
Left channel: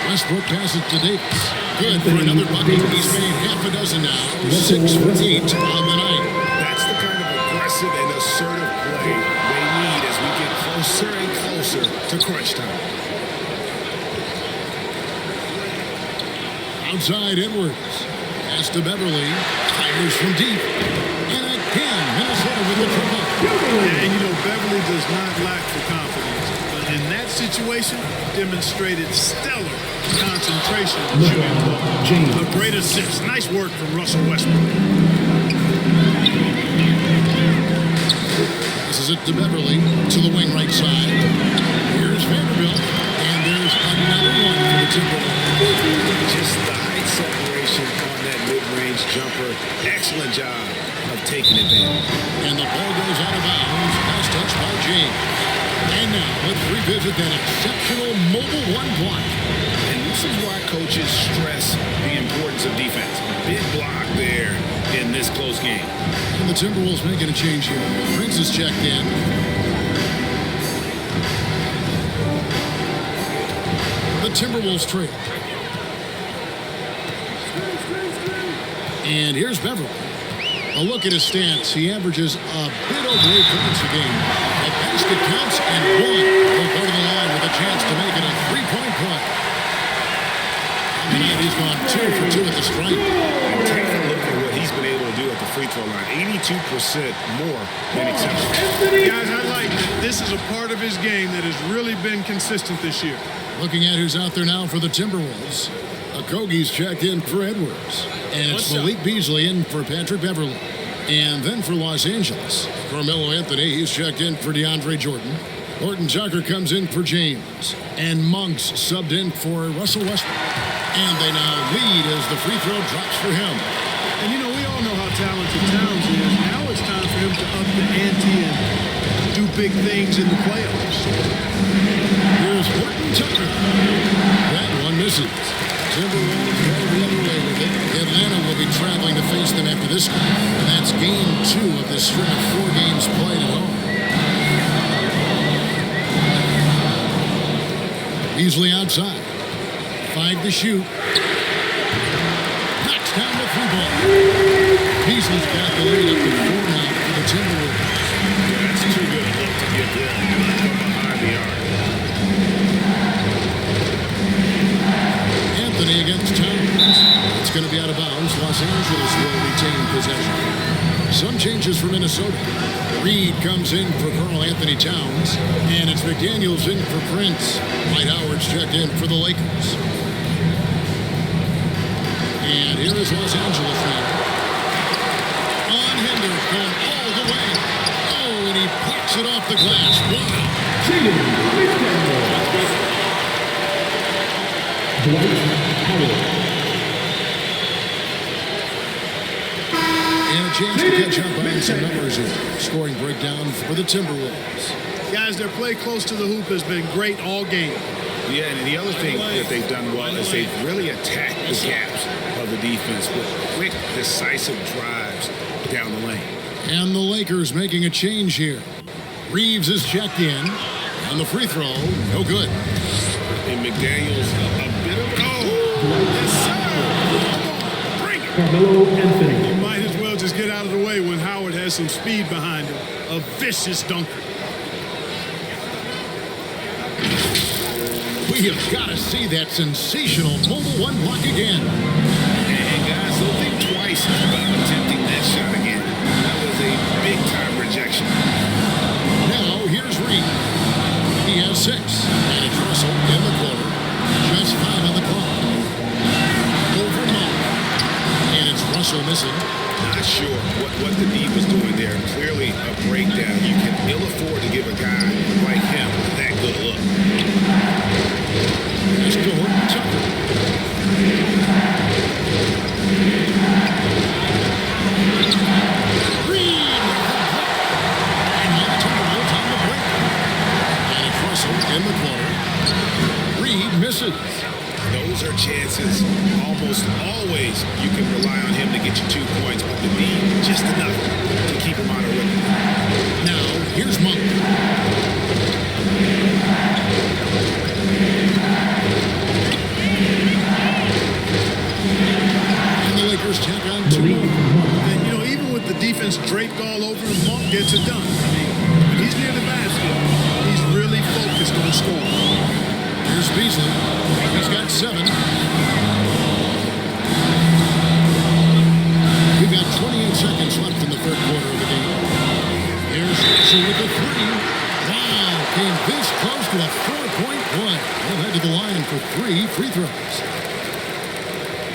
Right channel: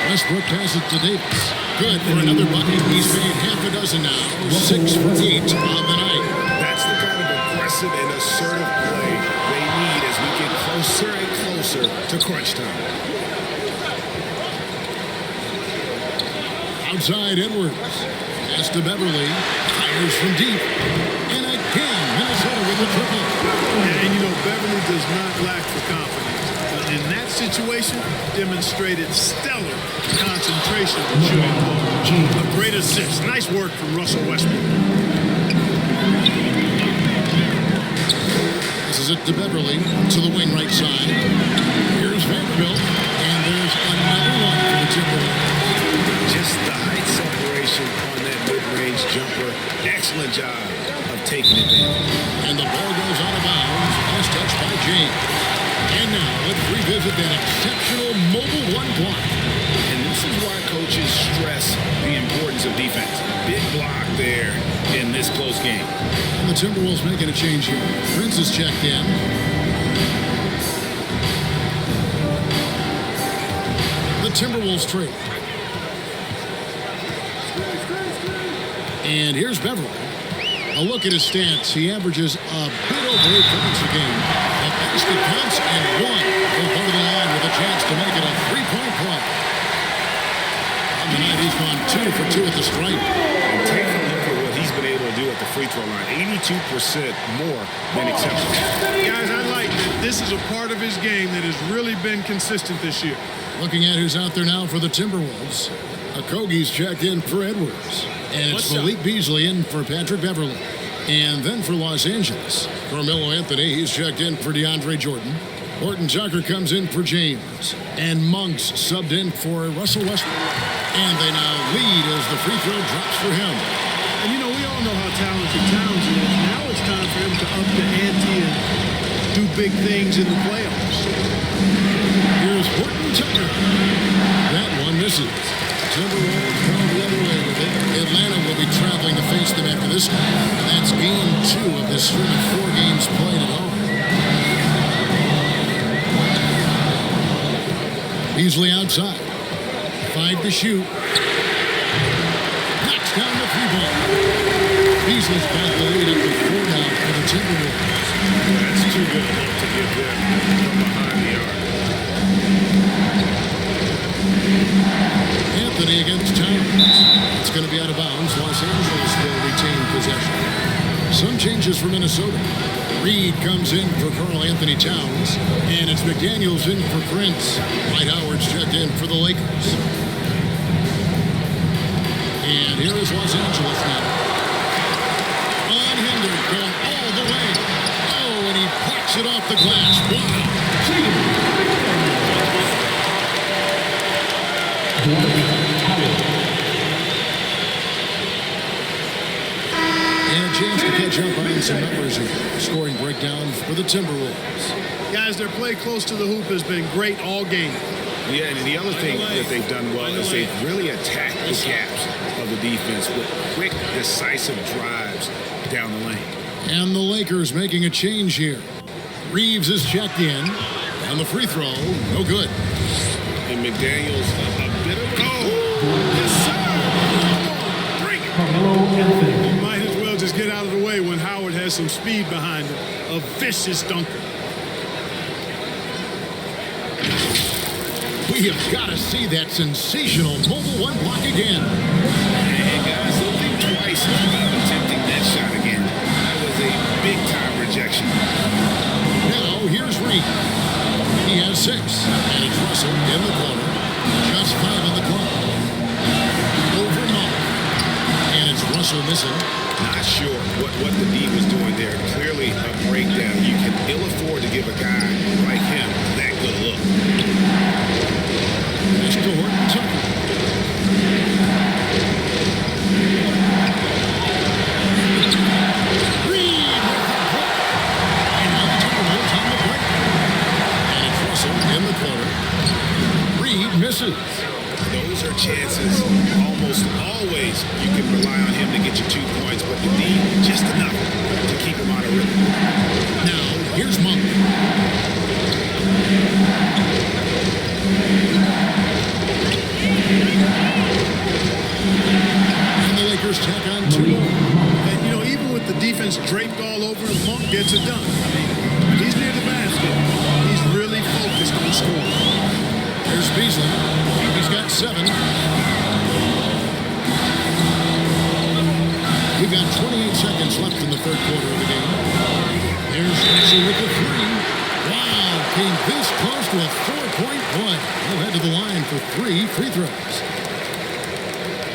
Westbrook passes to Davis. Good for another bucket. He's made half a dozen now. 6 for 8 on the night. That's the kind of aggressive and assertive play they need as we get closer and closer to crunch time. Outside Edwards. Pass to Beverly. Fires from deep. And again, Minnesota with the triple. Yeah, and you know, Beverly does not lack for confidence. But in that situation, demonstrated stellar concentration shooting the ball. A great assist. Nice work from Russell Westbrook. Passes it to Beverly to the wing right side. Here's Vanderbilt. And there's another one for the Timberwolves. Just the height separation on that mid-range jumper. Excellent job of taking advantage. And the ball goes out of bounds. Last touch by James. And now let's revisit that exceptional mobile 1 block. And this is why coaches stress the importance of defense. Big block there in this close game. And the Timberwolves making a change here. Prince is checked in. The Timberwolves trail. And here's Beverly. A look at his stats. He averages a bit over 8 points a game. The basket counts and 1. He'll go to the line with a chance to make it a 3-point play. On the night, he's gone 2 for 2 at the stripe. And take a look at what he's been able to do at the free throw line. 82% more than acceptable. Guys, I like that this is a part of his game that has really been consistent this year. Looking at who's out there now for the Timberwolves. Okogie's checked in for Edwards. And it's Malik Beasley in for Patrick Beverly. And then for Los Angeles, Carmelo Anthony, he's checked in for DeAndre Jordan. Horton Tucker comes in for James. And Monks subbed in for Russell Westbrook. And they now lead as the free throw drops for him. And you know, we all know how talented Towns is. Now it's time for him to up the ante and do big things in the playoffs. Here's Horton Tucker. That one misses. Timberwolves go the other way with it. Atlanta will be traveling to face them after this game. And that's game 2 of this string of 4 games played at home. Beasley outside. 5 to shoot. Knocks knocks down the 3-ball. Beasley's got the lead up to 4 now for the Timberwolves. Yeah, that's too good a look to give them from behind the arc. Anthony against Towns. It's going to be out of bounds. Los Angeles will retain possession. Some changes for Minnesota. Reed comes in for Karl Anthony Towns, and it's McDaniels in for Prince. Dwight Howard's checked in for the Lakers. And here is Los Angeles now. Unhindered, going all the way. Oh, and he plucks it off the glass. Wow. That's good. And a chance to catch up on some numbers here. Scoring breakdown for the Timberwolves. Guys, their play close to the hoop has been great all game. Yeah, and the other thing that they've done well is they've really attacked the gaps of the defense with quick, decisive drives down the lane. And the Lakers making a change here. Reeves is checked in. On the free throw, no good. And McDaniels, a bit of yes, sir. Come on, bring it. Carmelo Anthony. You might as well just get out of the way when Howard has some speed behind him. A vicious dunker. We have got to see that sensational mobile one block again. And guys, don't think twice about attempting that shot again. That was a big-time rejection. Now, here's Reed. He has 6, and it's Russell in the corner. Just 5 on the clock. Over Monk, and it's Russell missing. Not sure what the D was doing there. Clearly a breakdown. You can ill afford to give a guy like him that good a look. Pass to Horton Tucker. Reed with the block. And now the Timberwolves on the break. And it's Russell in the corner. Reed misses. Those are chances almost always you can rely on him to get you 2 points, but the D just enough to keep him out of rhythm. Now, here's Monk. And the Lakers tack on 2 more. And, you know, even with the defense draped all over him, Monk gets it done. I mean, when he's near the basket, he's really focused on scoring. Here's Beasley. He's got 7. We've got 28 seconds left in the third quarter of the game. There's Russell with a 3. Wow, came this close to a 4-point play. He'll head to the line for 3 free throws.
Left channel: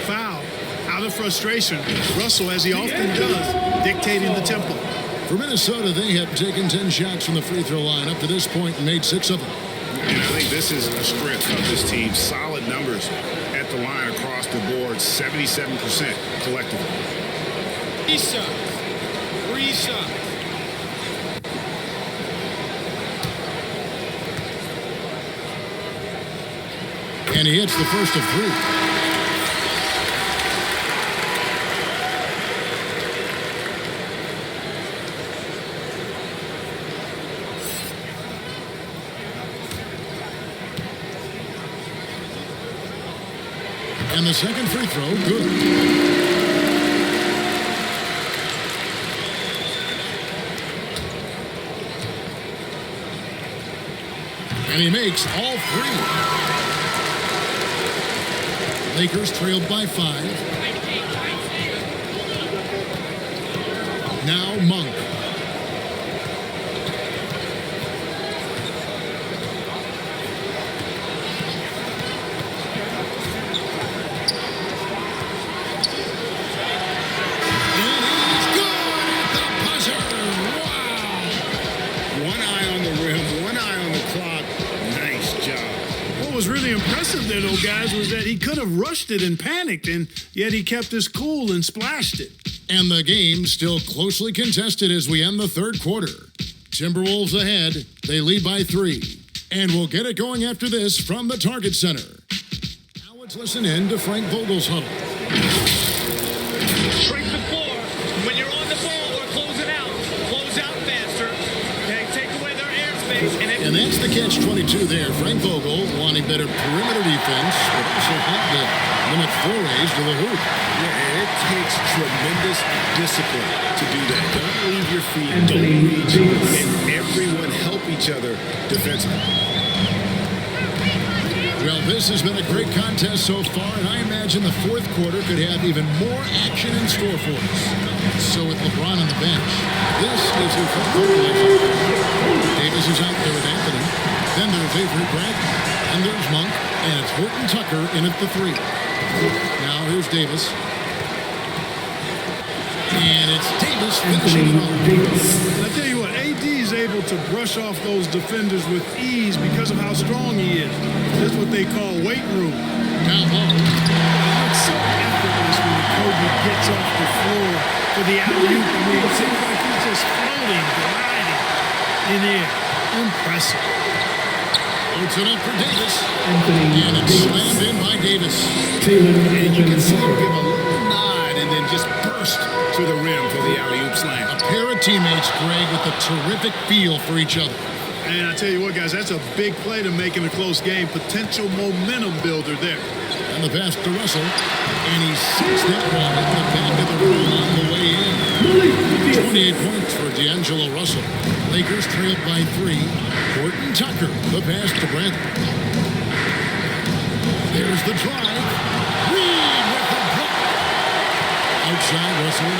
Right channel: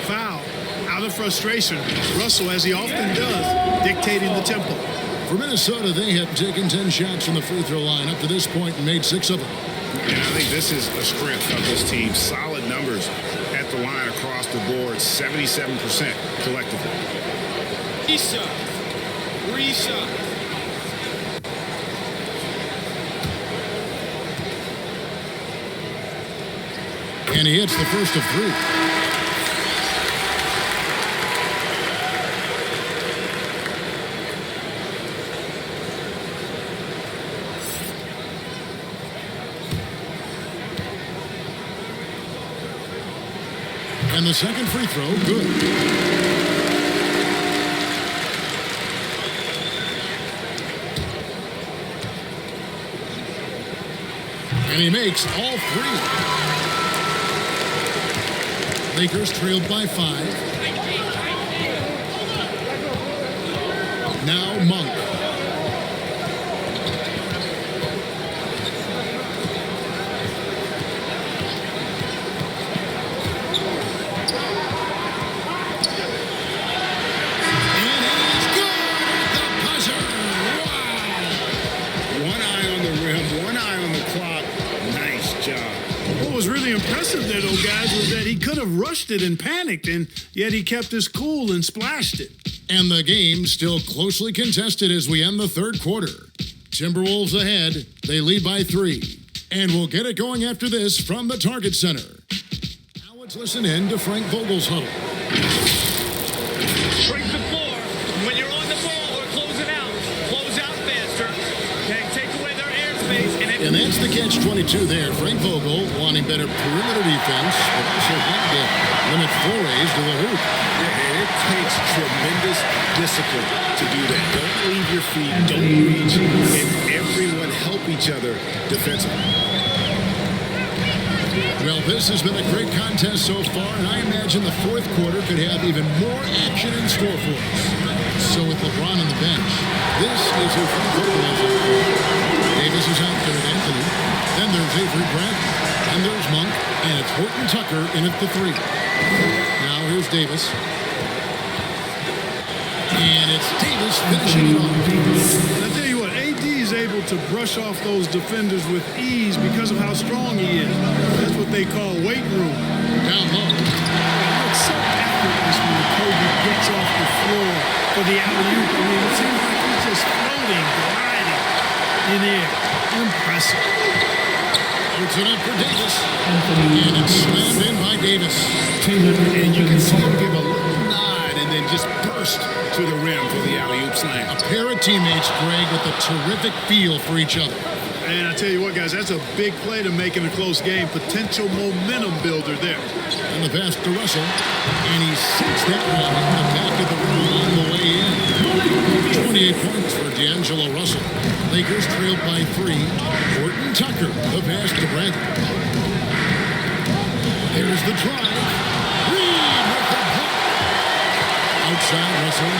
Foul. Out of frustration, Russell, as he often does, dictating the tempo. For Minnesota, they have taken 10 shots from the free throw line up to this point and made 6 of them. And I think this is a strength of this team. Solid numbers at the line across the board, 77% collectively. 3 shots. 3 shots. And he hits the first of 3. And the second free throw, good. And he makes all 3. Lakers trailed by 5. Now Monk. One eye on the rim, one eye on the clock. Nice job. What was really impressive there, though, guys, was that he could have rushed it and panicked, and yet he kept his cool and splashed it. And the game still closely contested as we end the third quarter. Timberwolves ahead. They lead by 3. And we'll get it going after this from the Target Center. Now let's listen in to Frank Vogel's huddle. Shrink the floor. When you're on the ball or closing out, close out faster. Okay, take away their airspace and And that's the catch-22 there. Frank Vogel wanting better perimeter defense, but also wanting to limit forays to the hoop. Yeah, and it takes tremendous discipline to do that. Don't leave your feet, don't reach, and everyone help each other defensively. Well, this has been a great contest so far, and I imagine the fourth quarter could have even more action in store for us. So with LeBron on the bench, this is who Frank Vogel is out there. Davis is out there with Anthony. Then there's Avery Grant. And there's Monk. And it's Horton Tucker in at the 3. Now here's Davis. And it's Davis finishing it off. And I tell you what, AD is able to brush off those defenders with ease because of how strong he is. That's what they call weight room. Down low. It looks so effortless when Kobe gets off the floor for the alley-oop. I mean, it seems like he's just floating, gliding in air. Impressive. Puts it up for Davis. And it's slammed in by Davis. And you can see him give a little nod and then just burst to the rim for the alley-oop slam. A pair of teammates, Greg, with a terrific feel for each other. And I tell you what, guys, that's a big play to make in a close game. Potential momentum builder there. And the pass to Russell. And he sinks that one, hitting the back of the rim on the way in. 28 points for D'Angelo Russell. Lakers trailed by 3. Horton Tucker, the pass to Brandt. There's the drive. Reed with the block. Outside Russell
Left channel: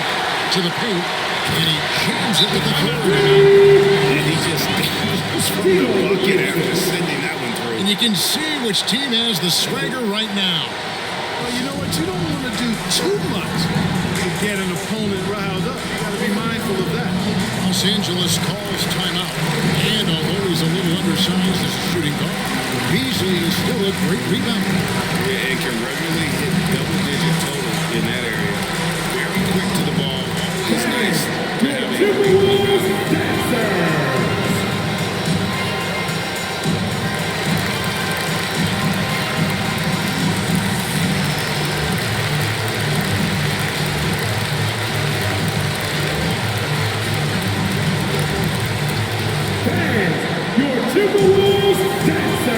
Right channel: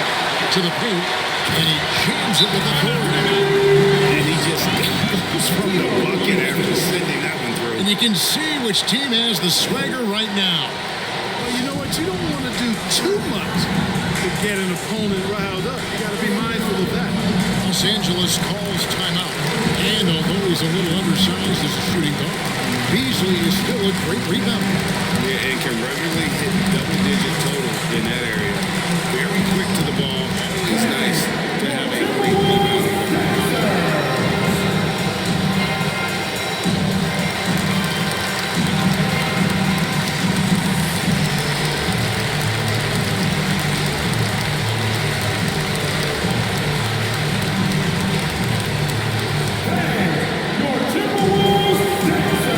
to the paint. And he jams it with authority. And he just goes from the bucket after sending that one through. And you can see which team has the swagger right now. Well, you know what? You don't want to do too much to get an opponent riled up. You got to be mindful of that. Los Angeles calls timeout. And although he's a little undersized as a shooting guard, Beasley is still a great rebounder. Yeah, and can regularly hit double-digit total in that area. Very quick to the ball. Always nice to have a great rebounding guard. Your Timberwolves dancers.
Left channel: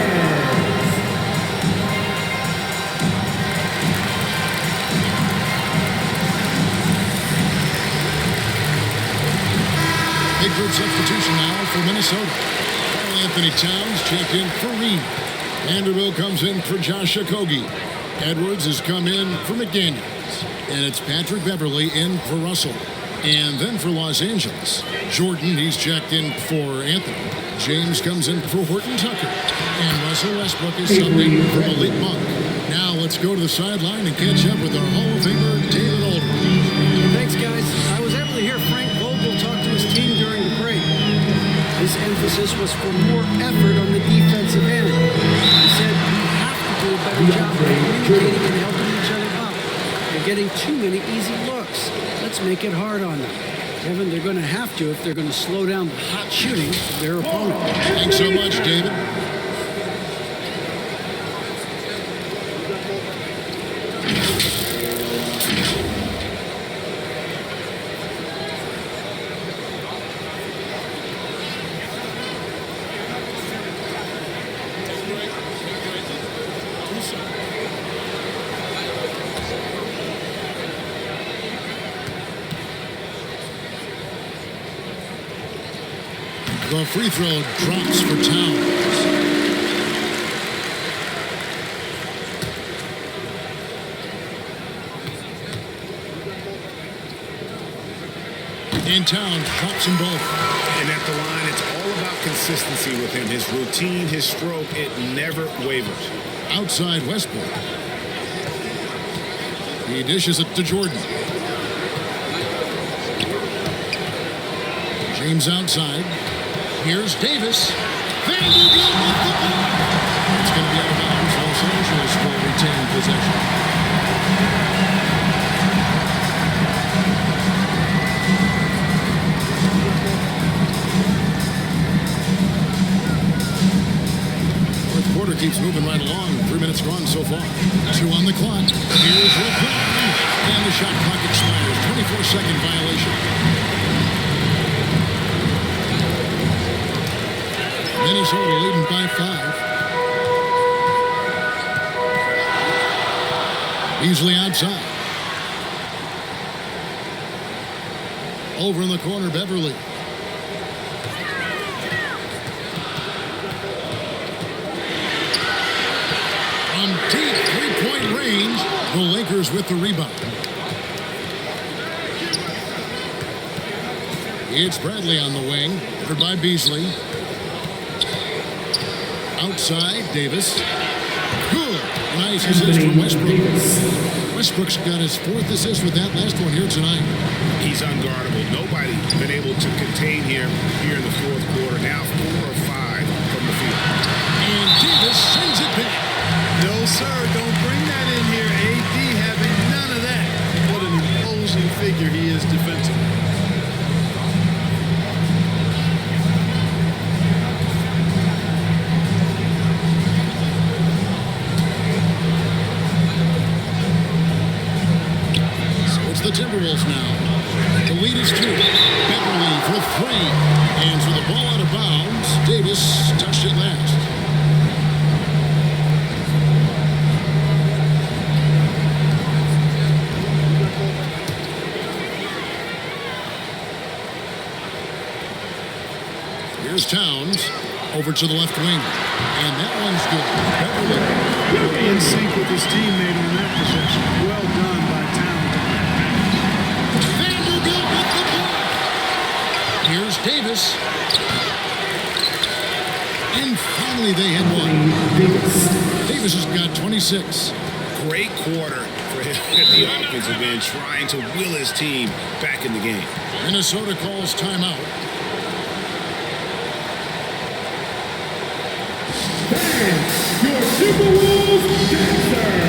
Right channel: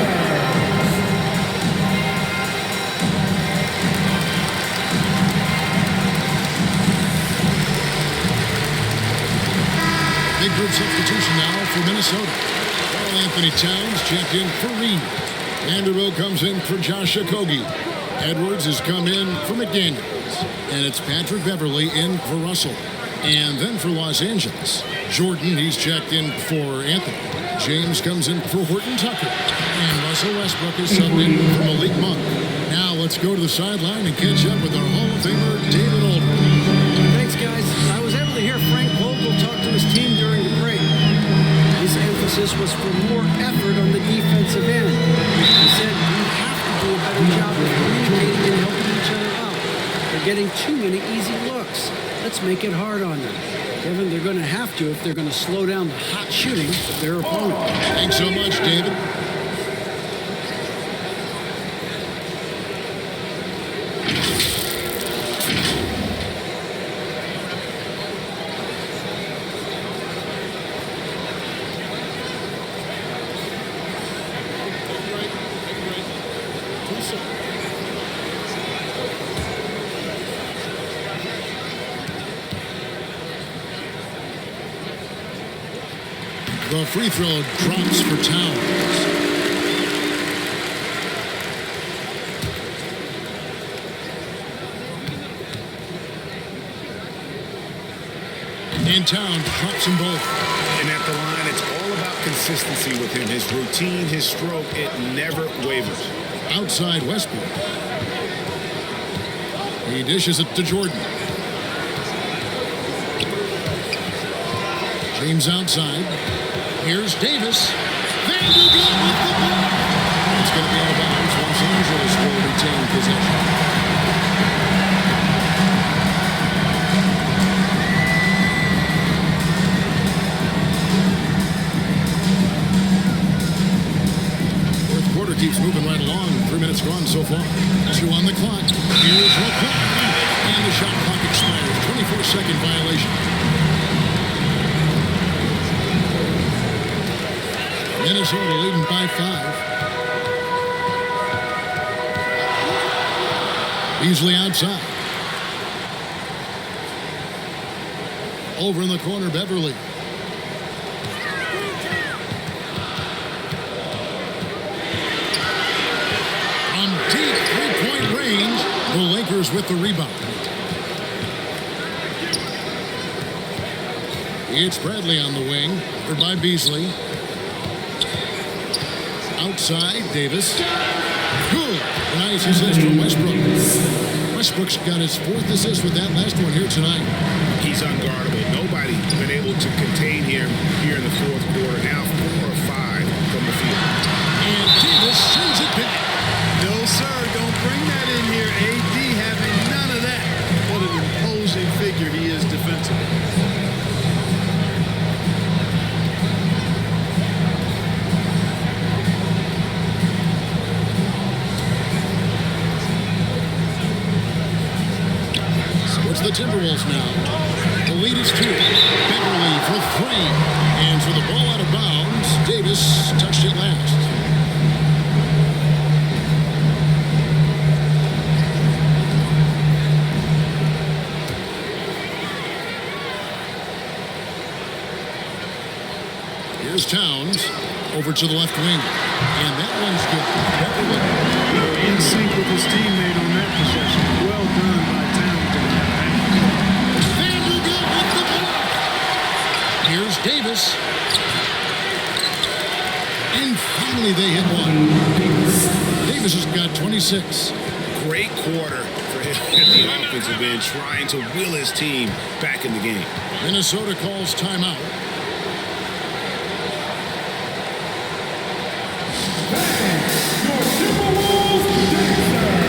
Big group substitution now for Minnesota. Karl Anthony Towns checked in for Reed. Vanderbilt comes in for Josh Okogie. Edwards has come in for McDaniels. And it's Patrick Beverly in for Russell. And then for Los Angeles, Jordan, he's checked in for Anthony. James comes in for Horton Tucker. And Russell Westbrook is subbed in for Malik Monk. Now let's go to the sideline and catch up with our Hall of Famer, David Aldridge. Thanks, guys. I was able to hear Frank Vogel talk to his team during the break. His emphasis was for more effort on the defensive end. He said we have to do a better job of communicating and helping each other out. They're getting too many easy looks. Let's make it hard on them. Kevin, they're going to have to if they're going to slow down the hot shooting of their opponent. Thanks so much, David. Take a break. Take a break. 2 shots. The free throw drops for Towns. And Towns drops them both. And at the line, it's all about consistency with him. His routine, his stroke, it never wavers. Outside Westbrook. He dishes it to Jordan. James outside. Here's Davis. Vanderbilt with the block. It's going to be out of bounds. Los Angeles will retain possession. Fourth quarter keeps moving right along. 3 minutes gone so far. 2 on the clock. Here's LeBron. And the shot clock expires. 24-second violation. Minnesota leading by 5. Beasley outside. Over in the corner, Beverly. From deep three-point range, the Lakers with the rebound. It's Bradley on the wing, covered by Beasley. Outside, Davis. Good. A nice assist from Westbrook. Westbrook's got his 4th assist with that last one here tonight. He's unguardable. Nobody been able to contain him here in the 4th quarter. Now 4 of 5 from the field. And Davis sends it back. No, sir, don't bring that in here. AD having none of that. What an imposing figure he is defensively. It's the Timberwolves now. The lead is 2. Beverly for 3. And for the ball out of bounds, Davis touched it last. Here's Towns over to the left wing. And that one's good. Beverly. Boy, in sync with his teammate on that possession. Well done by Towns on that pass. Vanderbilt with the block. Here's Davis. And finally they hit one. Davis has got 26. Great quarter for him at the offensive end, trying to will his team back in the game. Minnesota calls timeout. Your Timberwolves Dancers.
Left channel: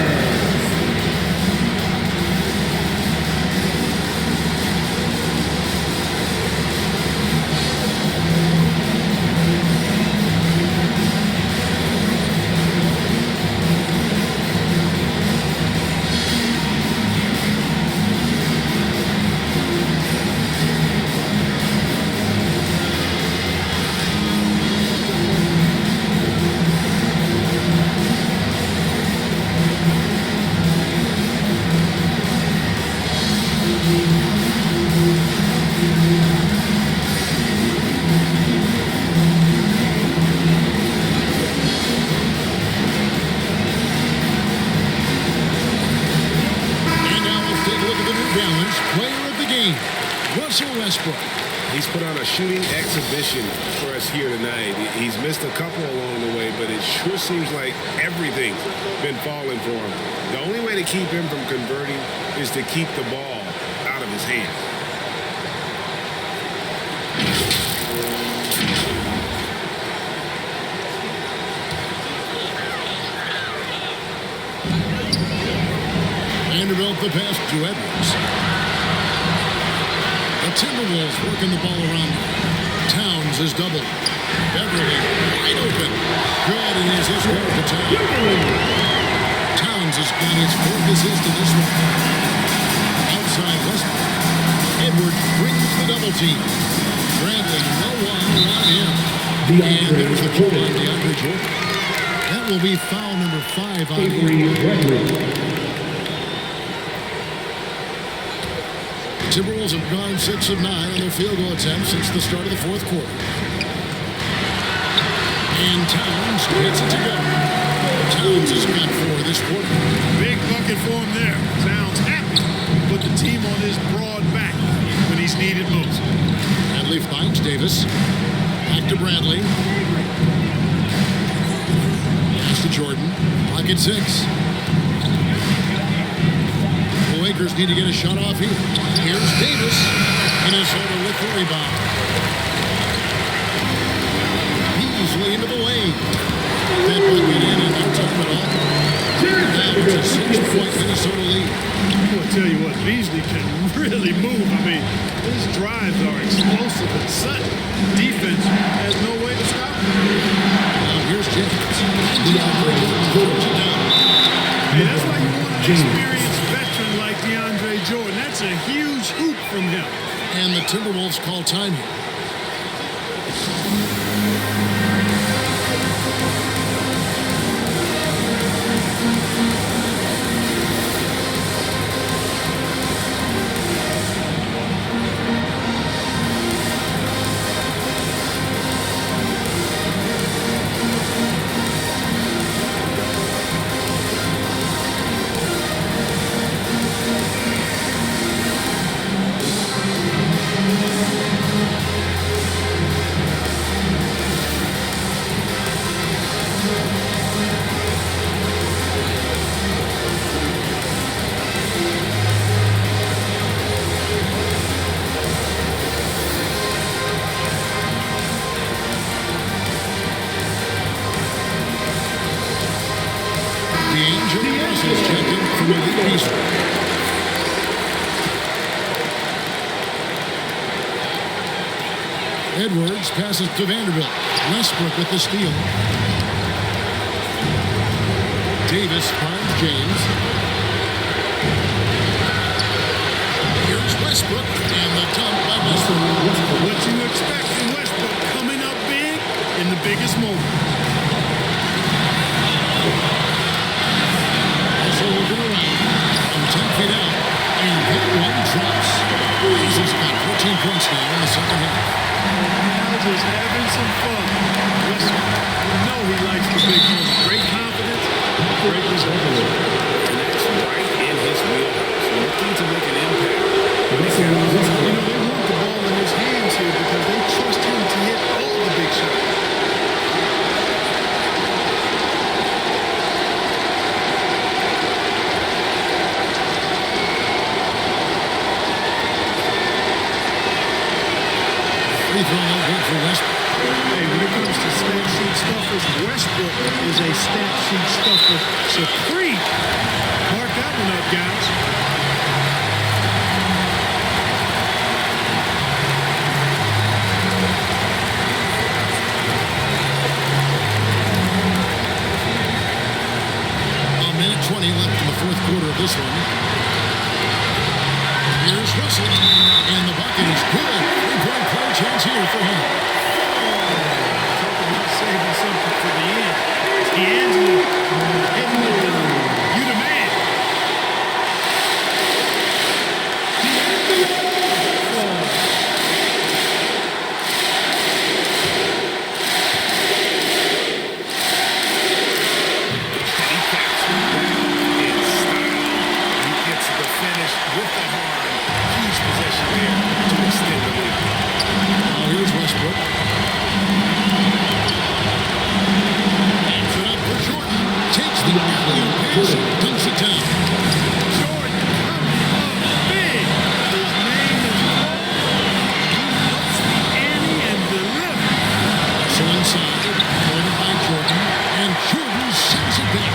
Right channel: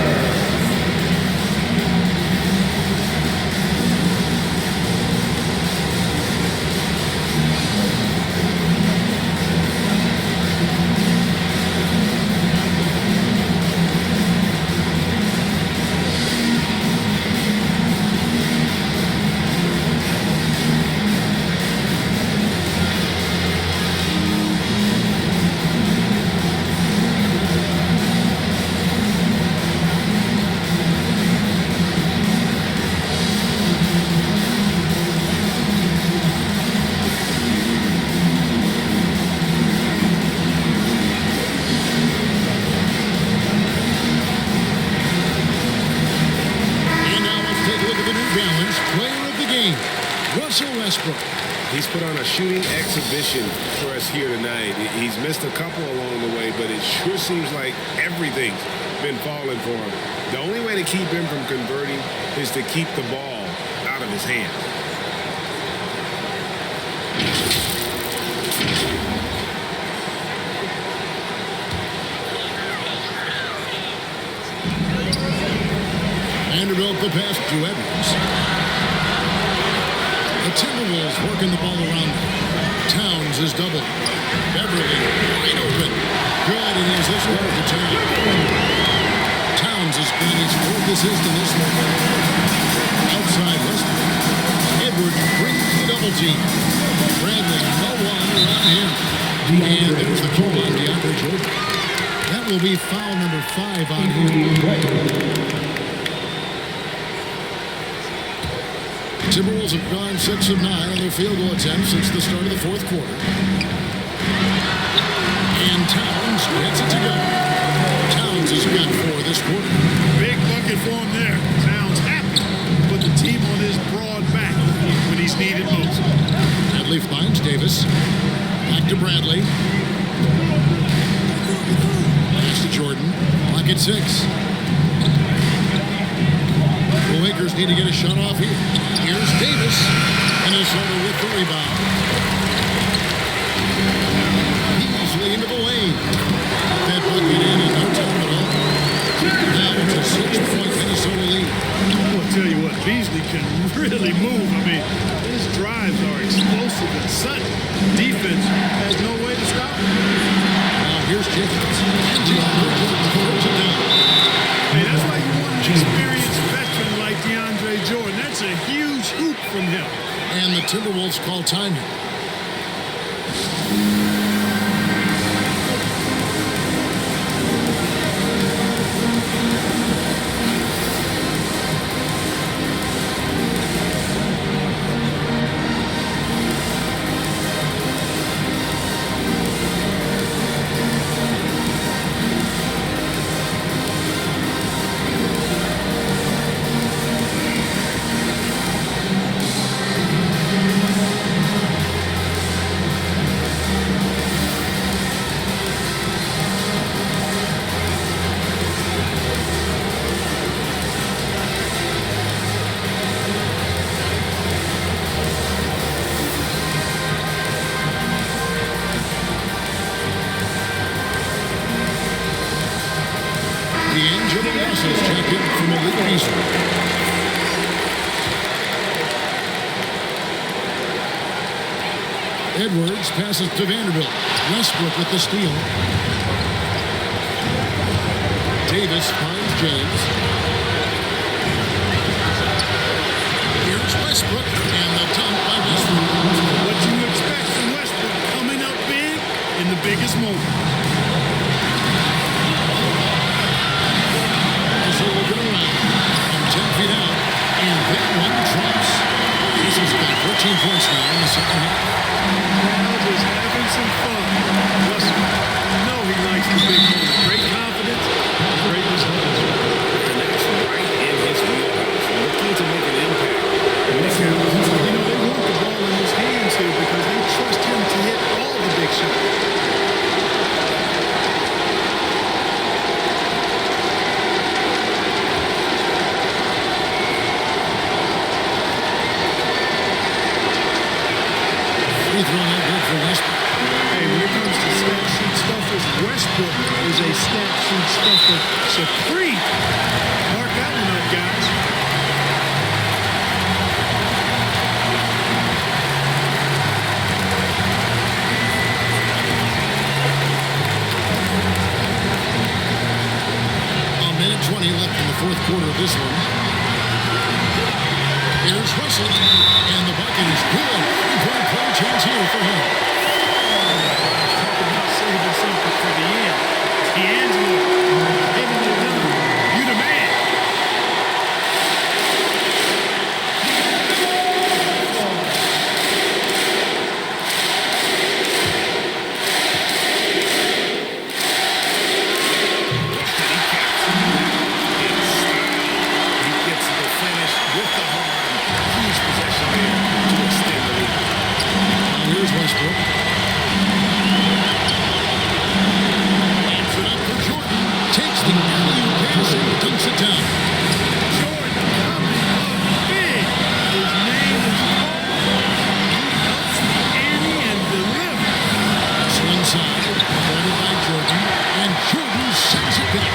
Take a look at the New Balance player of the game, Russell Westbrook. He's put on a shooting exhibition for us here tonight. He's missed a couple along the way, but it sure seems like everything's been falling for him. The only way to keep him from converting is to keep the ball out of his hands. Vanderbilt the pass to Edwards. The Timberwolves working the ball around. Towns is doubled. Beverly wide open. Good, and his assist goes to Towns. Towns has got his 4th assist in this one. Outside Westbrook. Edwards brings the double team. Bradley, no one around him. And there's the call on DeAndre Jordan. That will be foul number 5 on him. Timberwolves have gone 6 of 9 on their field goal attempts since the start of the 4th quarter. And Towns gets it to go. Towns has got 4 this quarter. Big bucket for him there. Towns happy to put the team on his broad back when he's needed most. Bradley finds Davis. Back to Bradley. Pass to Jordan. Clock at 6. The Lakers need to get a shot off here. Here's Davis. Minnesota with the rebound. Beasley into the lane. That bucket in no time at all. Now it's a 6-point Minnesota lead. Well, I tell you what, Beasley can really move. I mean, his drives are explosive and sudden. Defense has no way to stop him. Now here's Jacobs. And DeAndre Jordan throws it down. Hey, that's why you want an experienced veteran like DeAndre Jordan. That's a huge hoop from him. And the Timberwolves call time here. D'Angelo Russell's checked in from Malik Beasley. Edwards passes to Vanderbilt. Westbrook with the steal. Davis finds James. Here's Westbrook and the dunk by Westbrook. What you expect from Westbrook, coming up big in the biggest moments. Also looking around from 10 feet out, and that one drops. Russell's got 14 points now in the second half. And now just having some fun. Russell, you know he likes the big moment. Great confidence, great results. And that's right in his wheelhouse, looking to make an impact when it counts. You know, they want the ball in his hands here because they trust him to hit all the big shots. Free throw no good for Westbrook. Hey, when it comes to stat sheet stuffers, Westbrook is a stat sheet stuffer supreme. Mark that one up, guys. A minute 20 left in the fourth quarter of this one. Here's Russell, and the bucket is good. Three-point play chance here for him. Wow, talk about saving something for the end. It's D'Angelo getting it done. You the man. He caps that off in style. He gets the finish with the harm. Huge possession there to extend the lead. Now here's Westbrook. Pops it up for Jordan. Takes the alley-oop pass and dunks it down. Jordan coming up big. His name is Paul. He ups the ante and delivers. Russell inside, guarded by Jordan, and Jordan sends it back.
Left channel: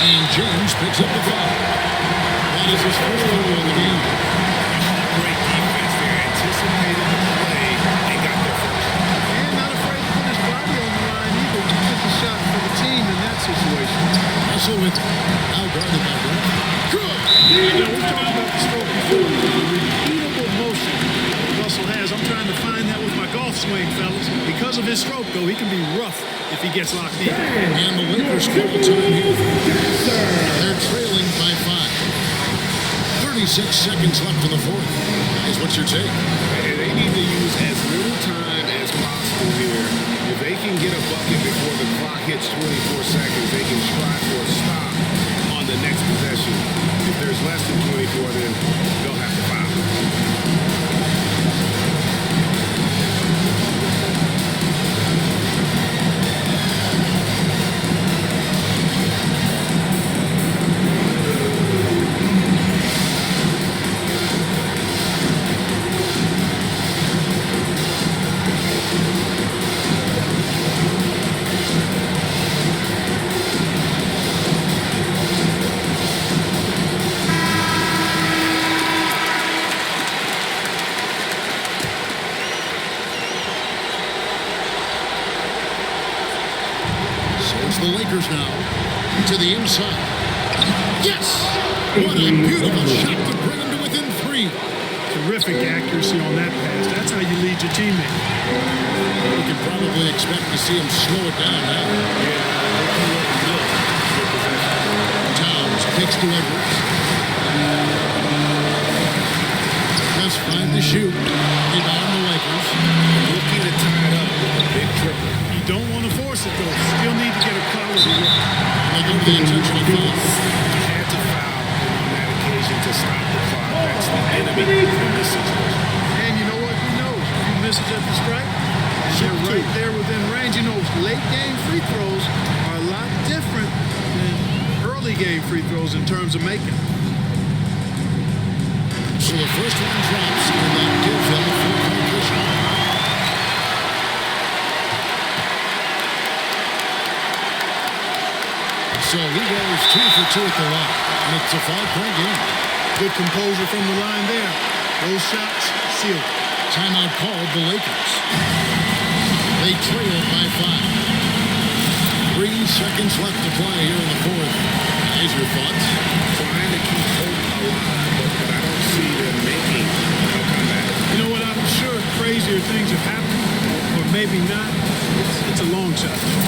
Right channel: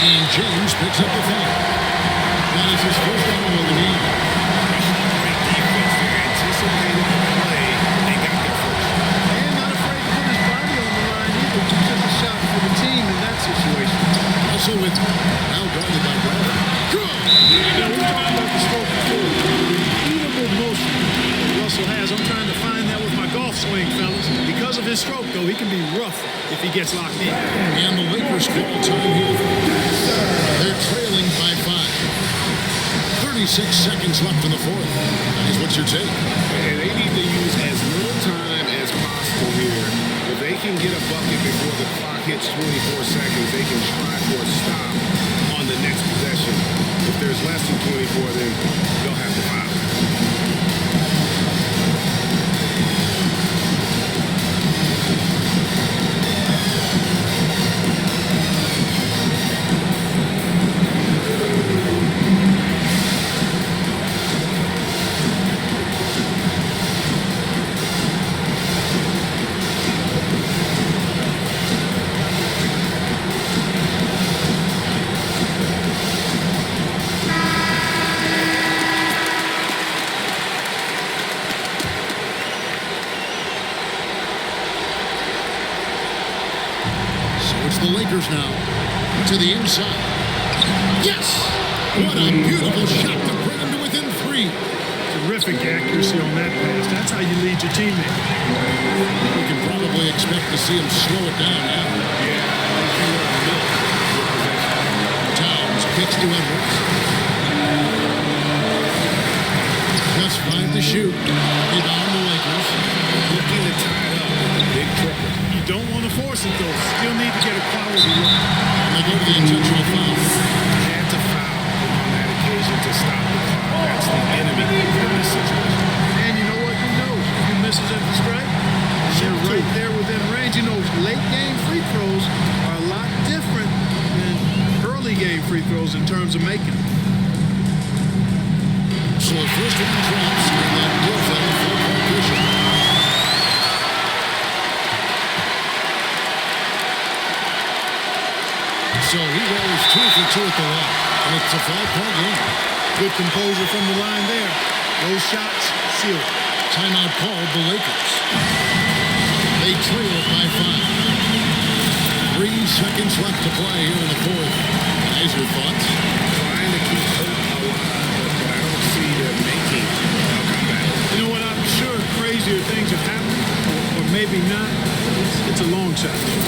And James picks up the foul. That is his first foul of the game. Oh, great defense there. Anticipated the play and got there first. And not afraid to put his body on the line either to took a shot for the team in that situation. Russell with it. Now guarded by Brad. Good! You know, we've talked about the stroke before. The repeatable motion that Russell has. I'm trying to find that with my golf swing, fellas. Because of his stroke, though, he can be rough if he gets locked in. And the Lakers call time here. They're trailing by 5. 36 seconds left in the fourth. Guys, what's your take? And they need to use as little time as possible here. If they can get a bucket before the clock hits 24 seconds, they can try for a stop on the next possession. If there's less than 24, then they'll have to foul. So it's the Lakers now to the inside. Yes! What a beautiful shot to bring them to within 3. Terrific accuracy on that pass. That's how you lead your teammate. We can probably expect to see him slow it down now. Yeah, I think you want to milk your possession. Towns kicks to Edwards. Just 5 to shoot. Rebound the Lakers. Looking to tie it up with a big triple. You don't want to force it, though. Still need to get a quality look. And they go to the intentional foul. Had to foul, and on that occasion to stop the clock. That's the enemy in this situation. And you know what? Who knows? A few misses at the stripe, and they're right there within range. You know, late game free throws are a lot different than early game free throws in terms of making them. So the first one drops, and that gives them a 4-point cushion. So he goes 2 for 2 at the line, and it's a 5-point game. Good composure from the line there. Those shots sealed. Timeout called the Lakers. They trailed by 5. 3 seconds left to play here in the fourth. Guys, your thoughts? Trying to keep hope alive, but I don't see them making a comeback. You know what? I'm sure crazier things have happened, or maybe not. It's a long shot, though.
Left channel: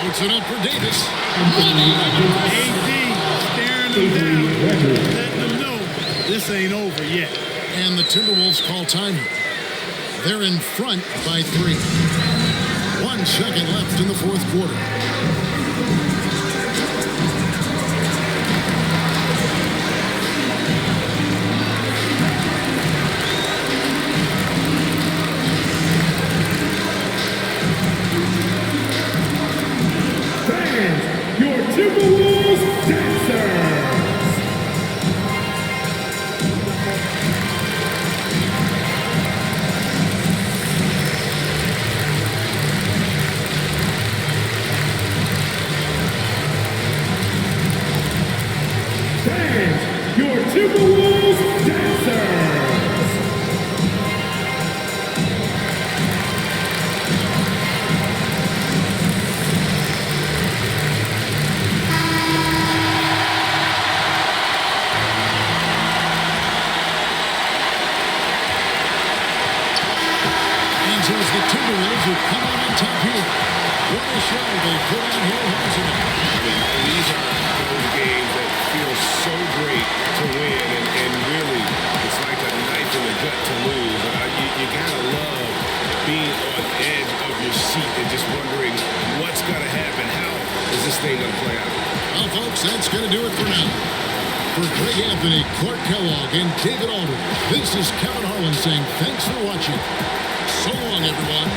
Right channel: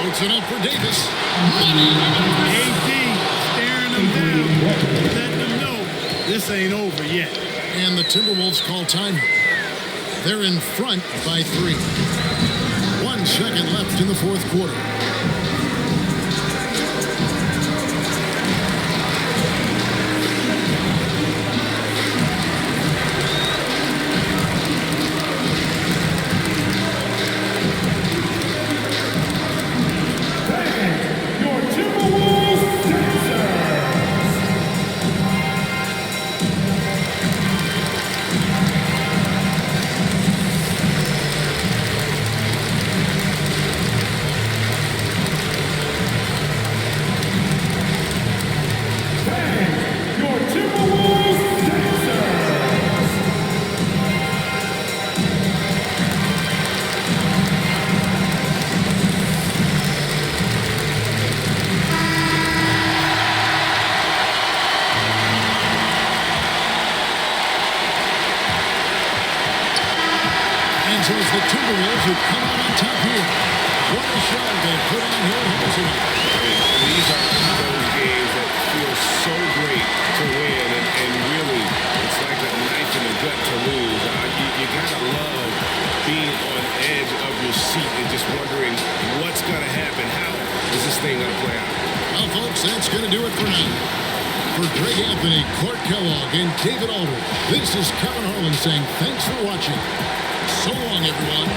Puts it up for Davis. Money! AD staring them down, letting them know this ain't over yet. And the Timberwolves call time here. They're in front by 3. 1 second left in the fourth quarter. Your Timberwolves dancers. Dance, your Timberwolves dancers. And so it's the Timberwolves who come out on top here. What a show they put on here at home tonight. I mean, these are those games that feel so great to win, and really, it's like a knife in the gut to lose. You gotta love being on edge of your seat and just wondering what's gonna happen. How is this thing gonna play out? Well, folks, that's going to do it for now. For Greg Anthony, Clark Kellogg, and David Aldridge, this is Kevin Harlan saying thanks for watching. So long, everyone.